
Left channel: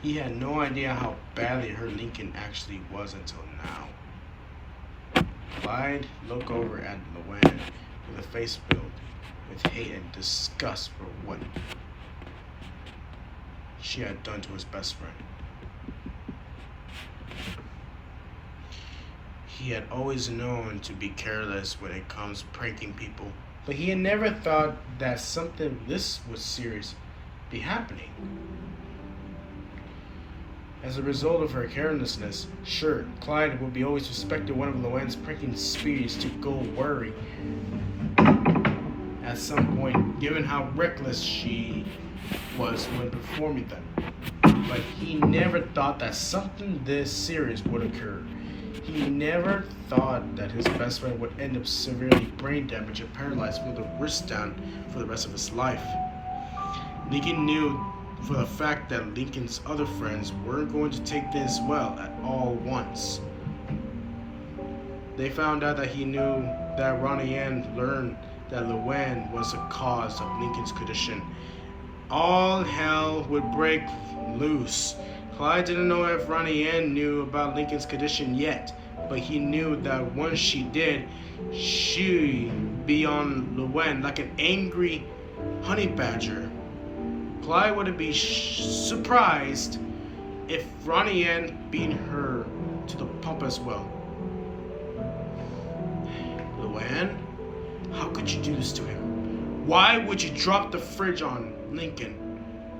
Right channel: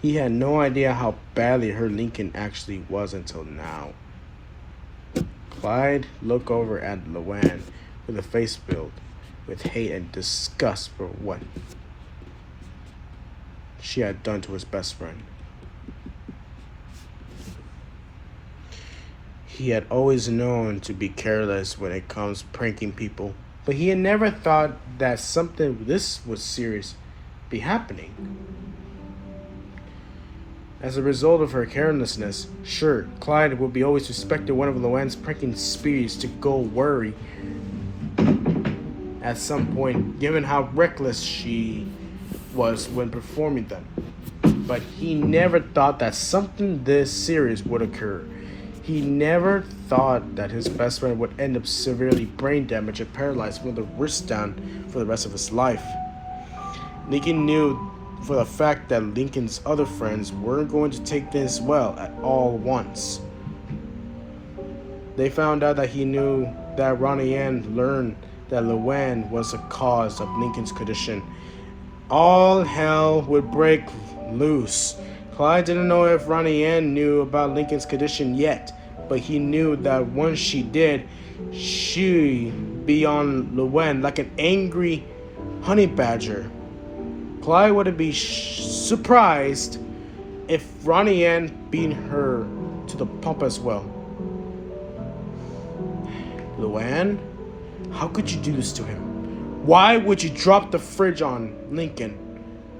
He had no idea how badly hurt Lincoln actually was until now. Clyde looked over at Luanne with a face filled with hate and disgust for what she had done to his best friend. He had always known to be careless when it comes to pranking people, but he had never thought that something this was serious be happening. As a result of her carelessness, sure, Clyde would be always suspected one of Luanne's pranking sprees to go worry at some point, given how reckless she was when performing them. But he never thought that something this serious would occur. He never thought that his best friend would end up severely brain damaged and paralyzed with the wrist down for the rest of his life. Lincoln knew for the fact that Lincoln's other friends weren't going to take this well at all once. They found out that he knew that Ronnie Anne learned that Luanne was the cause of Lincoln's condition. All hell would break loose. Clyde didn't know if Ronnie Anne knew about Lincoln's condition yet, but he knew that once she did, she'd be on Luanne like an angry honey badger Clyde wouldn't be surprised if Ronnie Anne beat her to the pump as well. Luanne, how could you do this to him? Why would you drop the fridge on Lincoln?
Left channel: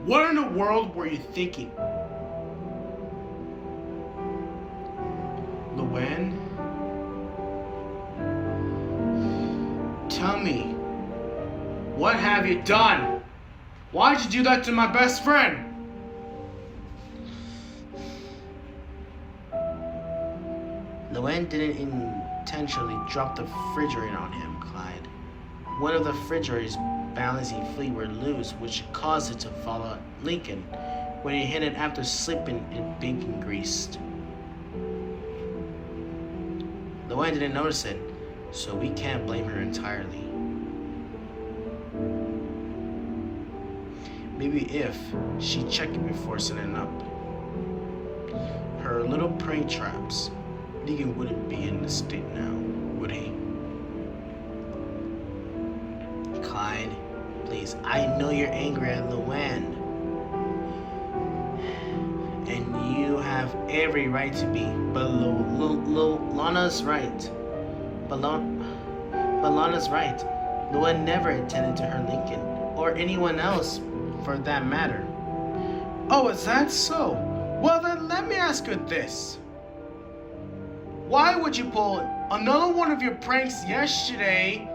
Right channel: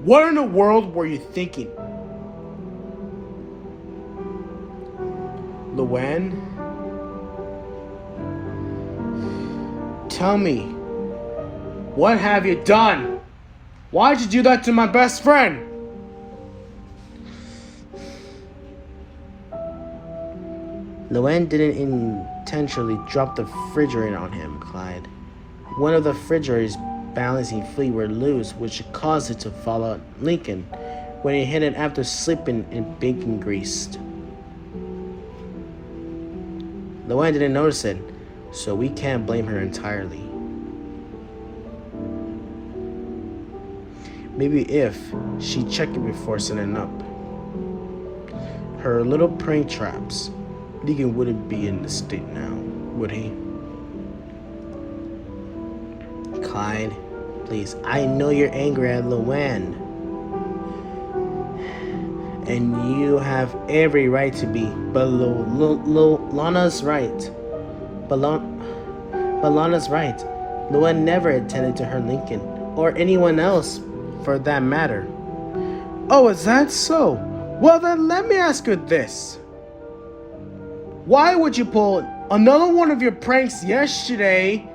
What in the world were you thinking? Luanne, tell me, what have you done? Why'd you do that to my best friend? Luanne didn't intentionally drop the refrigerator on him, Clyde. One of the refrigerator's balancing feet were loose, which caused it to fall on Lincoln when he hit it after slipping in bacon grease. Luanne didn't notice it, so we can't blame her entirely. Maybe if she checked it before setting up her little prank traps, Lincoln wouldn't be in this state now, would he? Clyde, please, I know you're angry at Luanne. And you have every right to be, but Lana's right. But Lana's right. Luanne never intended to hurt Lincoln, or anyone else for that matter. Oh, is that so? Well then, let me ask you this. Why would you pull another one of your pranks yesterday?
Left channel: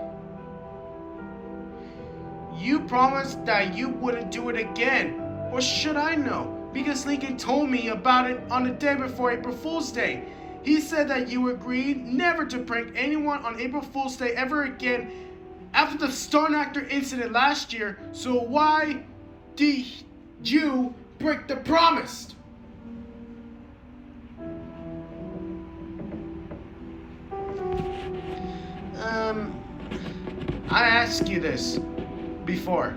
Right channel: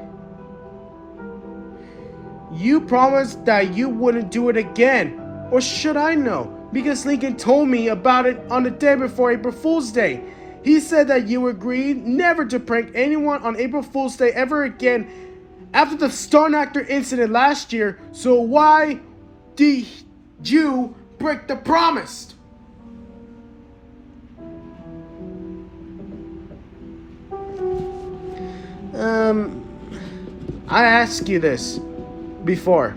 You promised that you wouldn't do it again. Or should I know? Because Lincoln told me about it on the day before April Fool's Day. He said that you agreed never to prank anyone on April Fool's Day ever again after the stunt actor incident last year. So why did you break the promise? I asked you this before,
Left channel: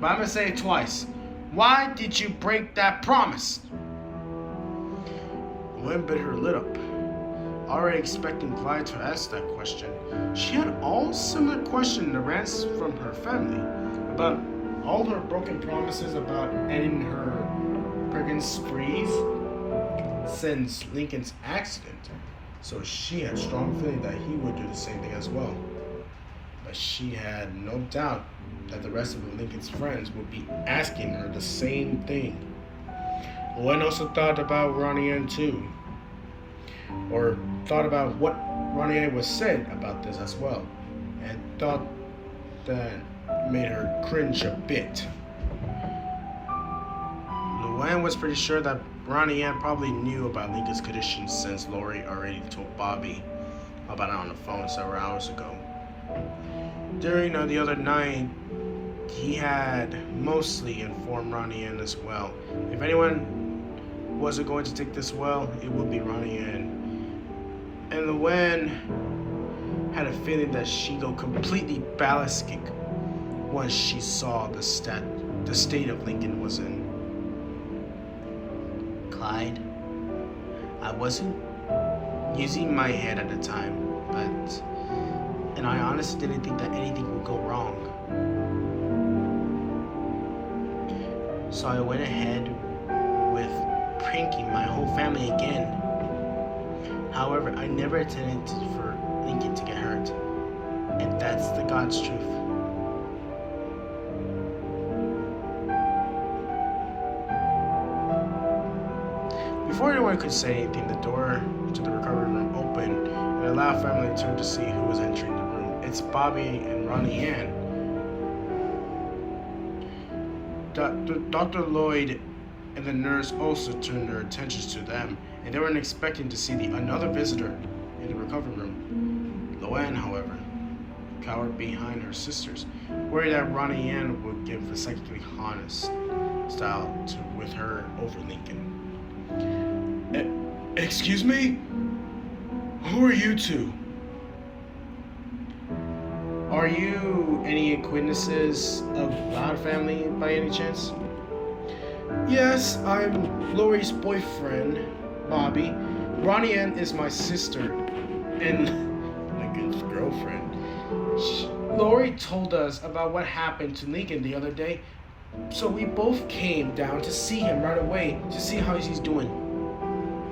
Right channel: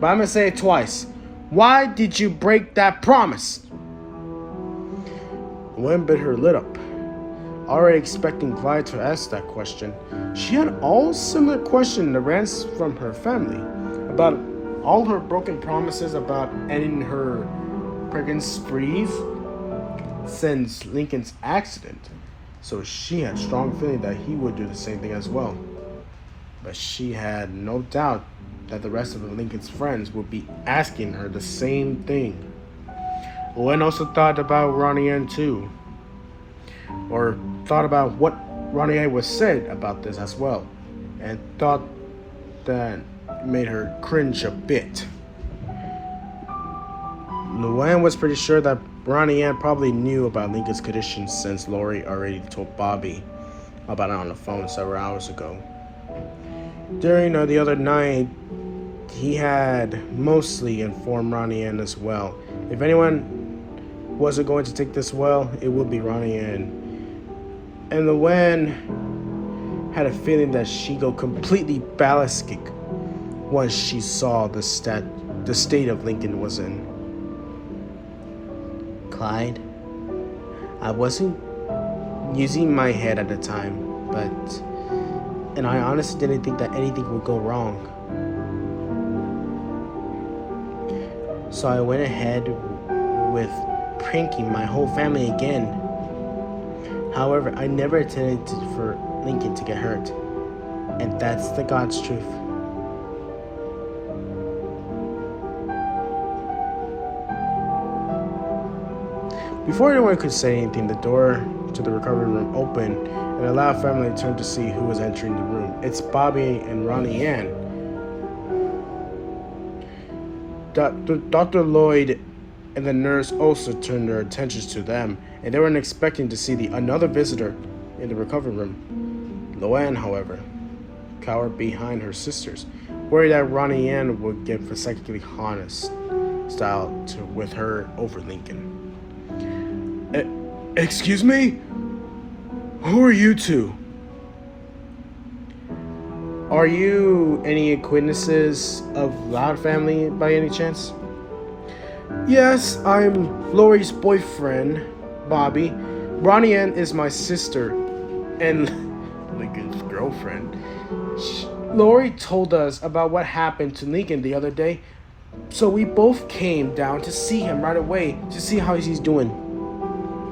but I'm gonna say it twice. Why did you break that promise? Luanne bit her lip up, already expecting Clyde to ask that question. She had all similar questions that ran from her family About all her broken promises about ending her pranking sprees since Lincoln's accident. So she had strong feeling that he would do the same thing as well. But she had no doubt that the rest of Lincoln's friends would be asking her the same thing. Luanne also thought about Ronnie Anne too. Or thought about what Ronnie Anne was said about this as well. And thought that made her cringe a bit. Luanne was pretty sure that Ronnie Anne probably knew about Lincoln's condition since Lori already told Bobby about it on the phone several hours ago. During the other night, he had mostly informed Ronnie Anne as well. If anyone wasn't going to take this well, it would be Ronnie Anne. And Luanne had a feeling that she'd go completely ballistic once she saw the state of Lincoln was in. Clyde, I wasn't using my head at the time, and I honestly didn't think that anything would go wrong. So I went ahead with pranking my whole family again. However, I never intended for Lincoln to get hurt, and that's the God's truth. Before anyone could say anything, the door to the recovery room opened, and a loud family turned to see who was entering the room. It's Bobby and Ronnie Anne. Dr. Lloyd and the nurse also turned their attentions to them, and they weren't expecting to see another visitor in the recovery room. Luanne, however, cowered behind her sisters, worried that Ronnie Anne would get consecutively honest style with her over Lincoln. Excuse me? Who are you two? Are you any acquaintances of Loud family by any chance? Yes, I'm Lori's boyfriend, Bobby. Ronnie Anne is my sister and Lincoln's girlfriend. Lori told us about what happened to Lincoln the other day. So we both came down to see him right away to see how he's doing.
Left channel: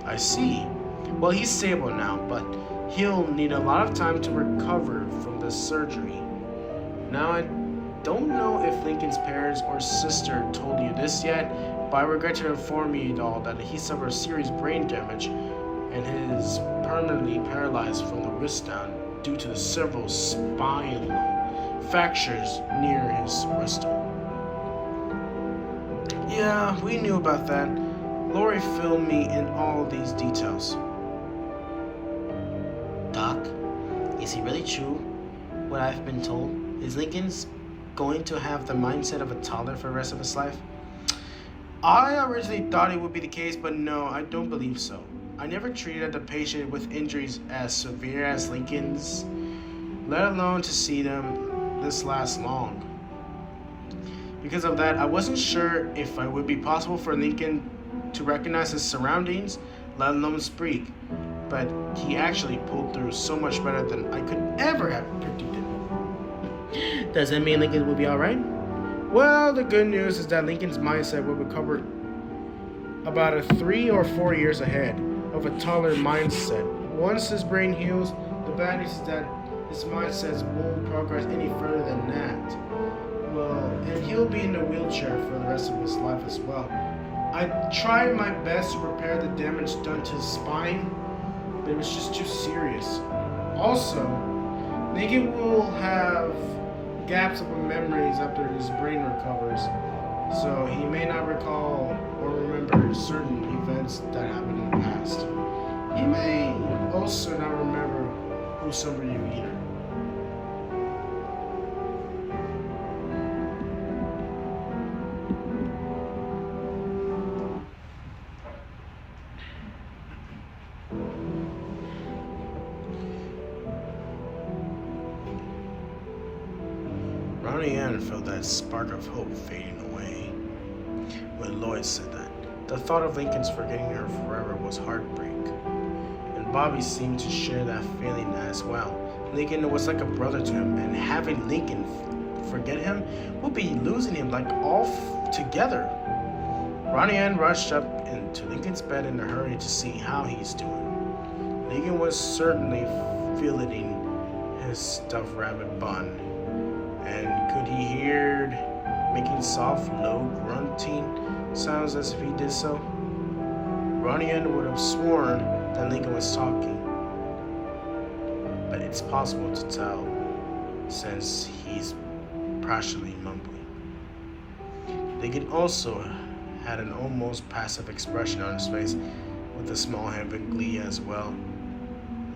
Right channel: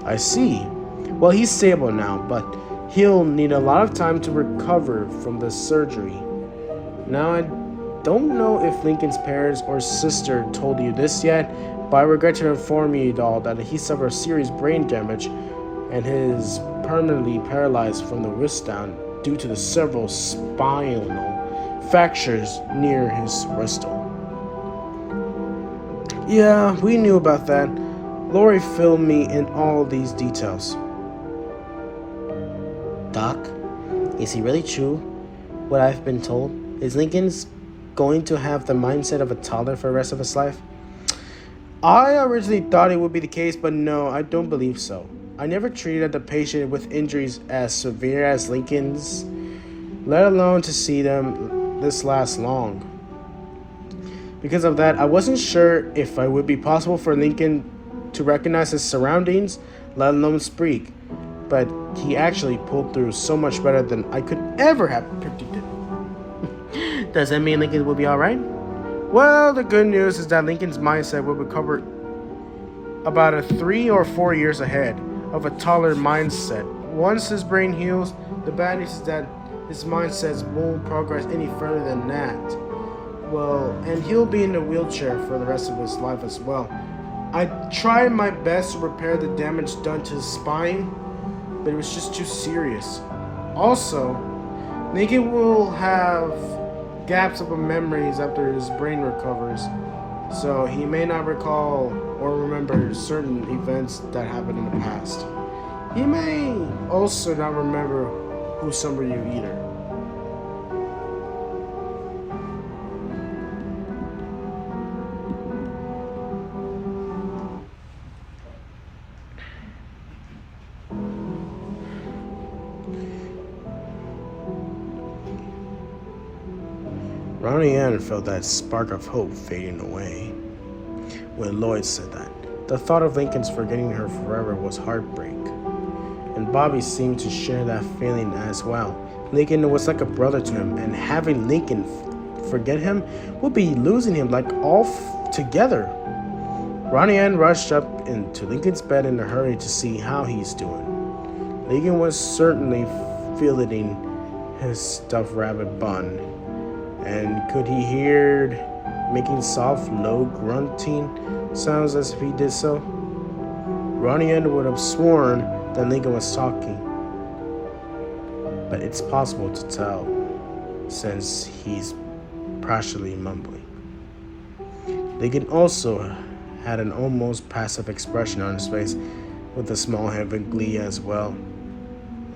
I see. Well, he's stable now, but he'll need a lot of time to recover from the surgery. Now, I don't know if Lincoln's parents or sister told you this yet, but I regret to inform you all that he suffered serious brain damage and is permanently paralyzed from the wrist down due to the several spinal fractures near his wristle. Yeah, we knew about that. Lori filled me in all these details. Doc, is he really true? What I've been told? Is Lincoln's going to have the mindset of a toddler for the rest of his life? I originally thought it would be the case, but no, I don't believe so. I never treated a patient with injuries as severe as Lincoln's, let alone to see them this last long. Because of that, I wasn't sure if it would be possible for Lincoln to recognize his surroundings, let alone speak. But he actually pulled through so much better than I could ever have predicted. Does that mean Lincoln will be alright? Well, the good news is that Lincoln's mindset will recover about 3 or 4 years ahead of a taller mindset. Once his brain heals, the bad news is that his mindset won't progress any further than that. Well, and he'll be in a wheelchair for the rest of his life as well. I tried my best to repair the damage done to his spine, but it was just too serious. Also, Lincoln will have gaps of memories after his brain recovers, so he may not recall or remember certain events that happened in the past. He may also not remember who some of you either. Ronnie Anne felt that spark of hope fading away when Lloyd said that. The thought of Lincoln's forgetting her forever was heartbreak, and Bobby seemed to share that feeling as well. Lincoln was like a brother to him, and having Lincoln forget him would be losing him like altogether. Ronnie Anne rushed up into Lincoln's bed in a hurry to see how he's doing. Lincoln was certainly filleting his stuffed rabbit bun, and could he hear making soft, low grunting sounds as if he did so? Ronnie Anne would have sworn that Lincoln was talking, but it's possible to tell since he's partially mumbling. Lincoln also had an almost passive expression on his face, with a small hint of glee as well,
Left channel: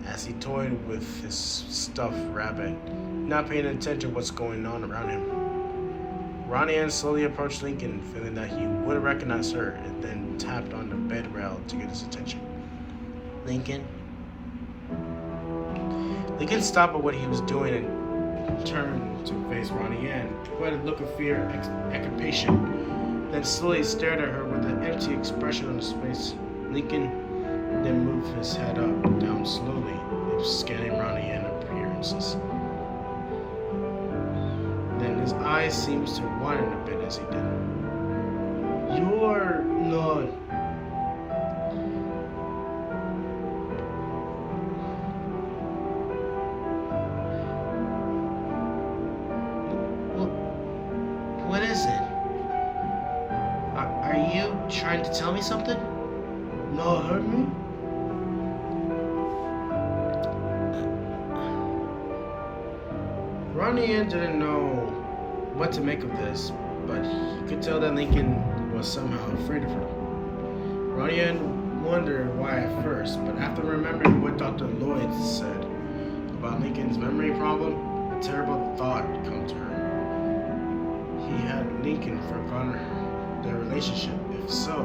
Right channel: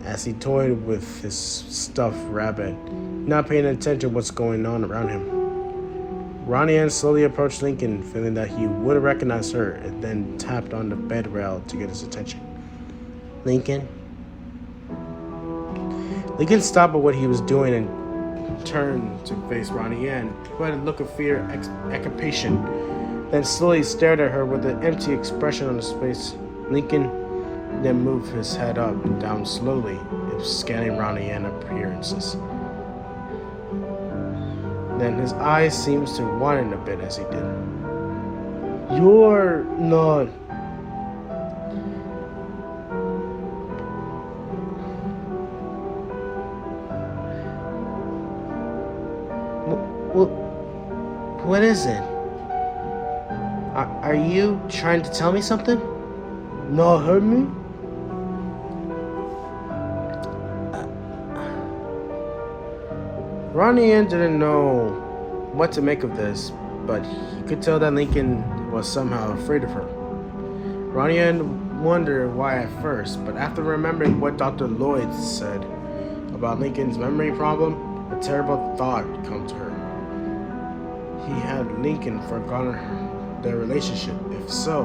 as he toyed with his stuffed rabbit, not paying attention to what's going on around him. Ronnie Anne slowly approached Lincoln, feeling that he would recognize her, and then tapped on the bed rail to get his attention. Lincoln? Lincoln stopped at what he was doing and turned to face Ronnie Anne, who had a look of fear and occupation, then slowly stared at her with an empty expression on his face. Lincoln then moved his head up and down slowly, scanning Ronnie Anne's appearances. Then his eyes seemed to widen a bit as he did. You're not... What is it? Are you trying to tell me something? Not hurt me? Ronnie Anne didn't know what to make of this, but he could tell that Lincoln was somehow afraid of her. Ronnie Anne wondered why at first, but after remembering what Dr. Lloyd said about Lincoln's memory problem, a terrible thought came to her. He had Lincoln forgotten their relationship. If so,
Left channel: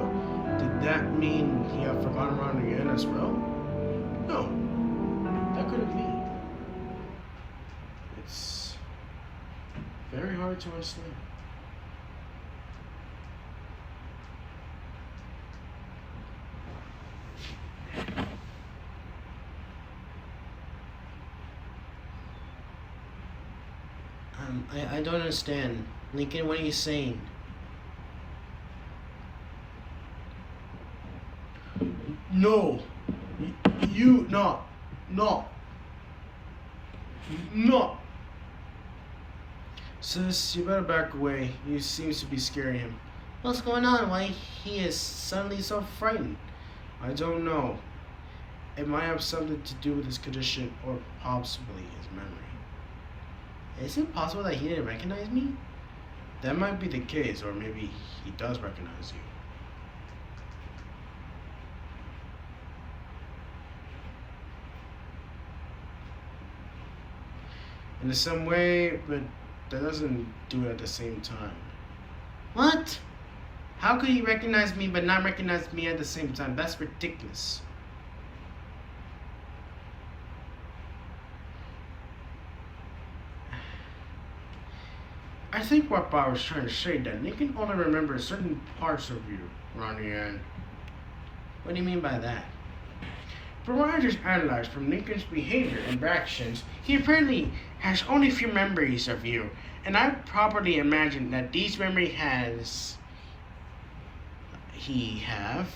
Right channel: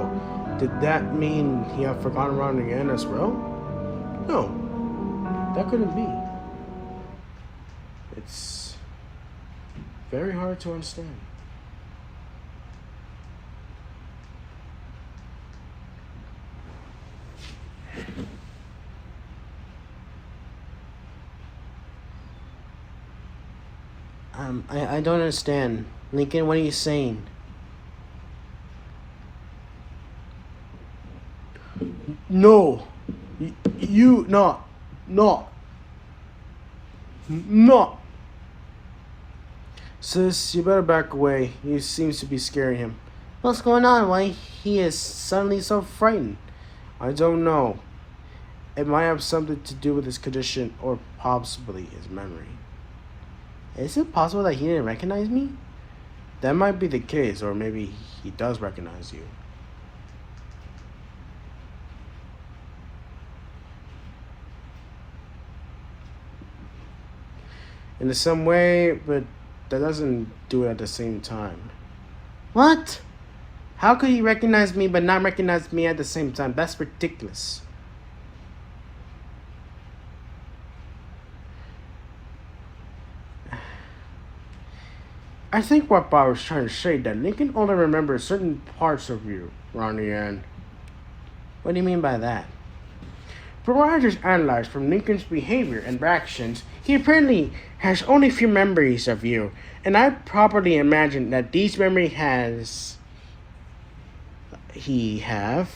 did that mean he had forgotten Ronnie Anne as well? No, that couldn't be. It's very hard to understand. I don't understand. Lincoln, what are you saying? No. You, no. No. No. Sis, you better back away. He seems to be scaring him. What's going on? Why he is suddenly so frightened? I don't know. It might have something to do with his condition or possibly his memory. Is it possible that he didn't recognize me? That might be the case, or maybe he does recognize you. In some way, but that doesn't do it at the same time. What? How could he recognize me but not recognize me at the same time? That's ridiculous. I think what Bob was trying to say that Lincoln only remembers certain parts of you, Ronnie Anne. What do you mean by that? From what I just analyzed from Lincoln's behavior and actions, he apparently has only few memories of you, and I properly imagine that these memories he have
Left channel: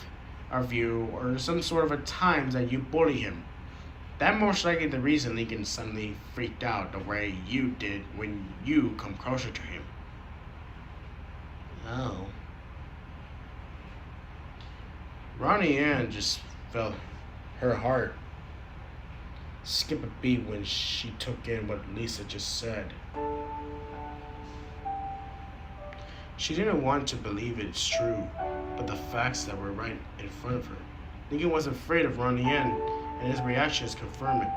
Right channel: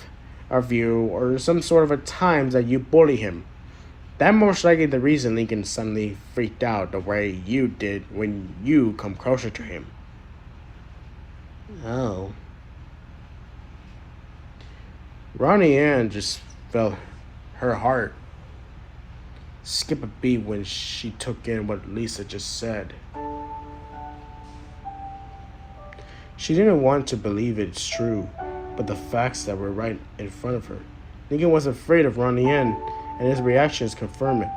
of you or some sort of a times that you bully him. That most likely the reason Lincoln suddenly freaked out the way you did when you come closer to him. Oh. Ronnie Anne just felt her heart skip a beat when she took in what Lisa just said. She didn't want to believe it's true, but the facts that were right in front of her. Lincoln was afraid of Ronnie Anne, and his reactions confirmed it.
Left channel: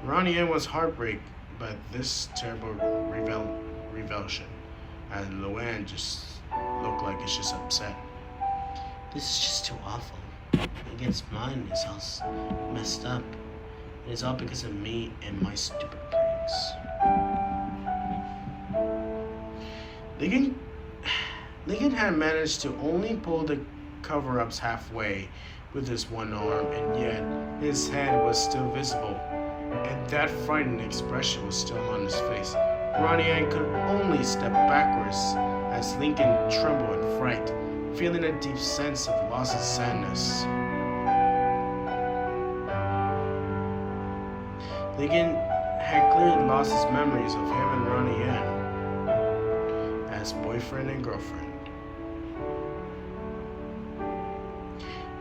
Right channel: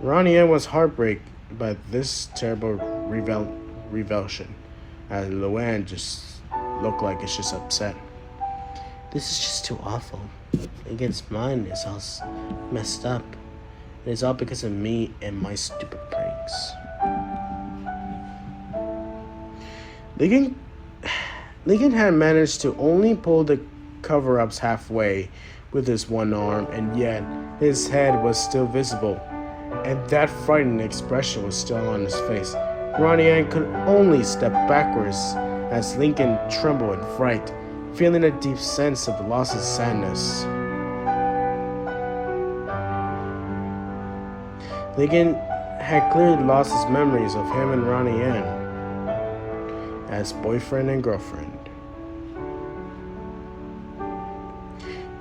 Ronnie Anne was heartbroken by this terrible revulsion, as Luanne just looked like it's just upset. This is just too awful. Lincoln's mind is all messed up. It is all because of me and my stupid brains. Lincoln had managed to only pull the cover-ups halfway with his one arm, and yet his head was still visible, and that frightened expression was still on his face. Ronnie Anne could only step backwards as Lincoln trembled in fright, feeling a deep sense of loss and sadness. Lincoln had clearly lost his memories of him and Ronnie Anne as boyfriend and girlfriend.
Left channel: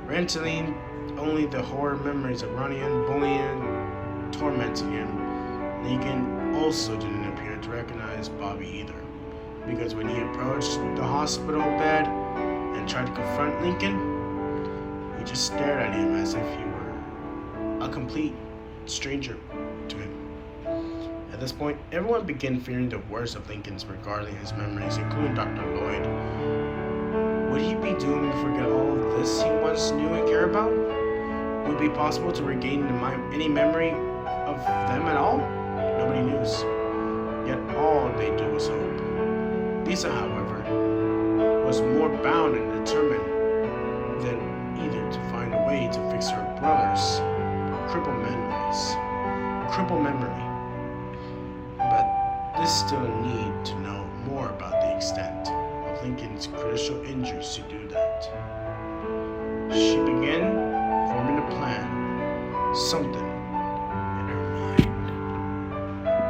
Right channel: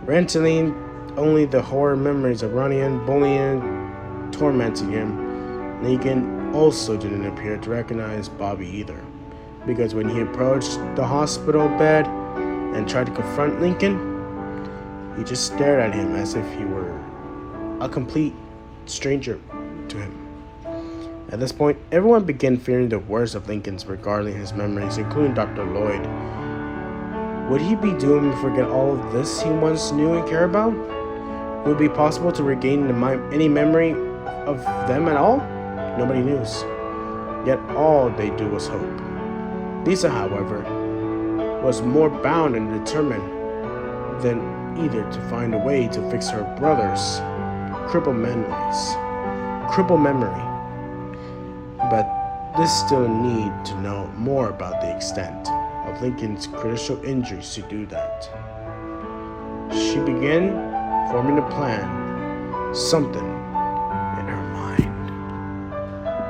Renting only the horror memories of Ronnie Anne bullying, tormenting him. Lincoln also didn't appear to recognize Bobby either, because when he approached the hospital bed and tried to confront Lincoln, he just stared at him as if he were a complete stranger to him. At this point, everyone began fearing the worst of Lincoln's regarding his memories, including Dr. Lloyd. Would he be doomed to forget all of this he once knew and cared about? Would it be possible to regain any memory of them at all? Nobody knew. Yet all they do was hope. Lisa, however, was more bound and determined than either to find a way to fix her brother's crippled memory. But this still need to know more about the extent of Lincoln's critical injuries to do that. She began forming a plan, something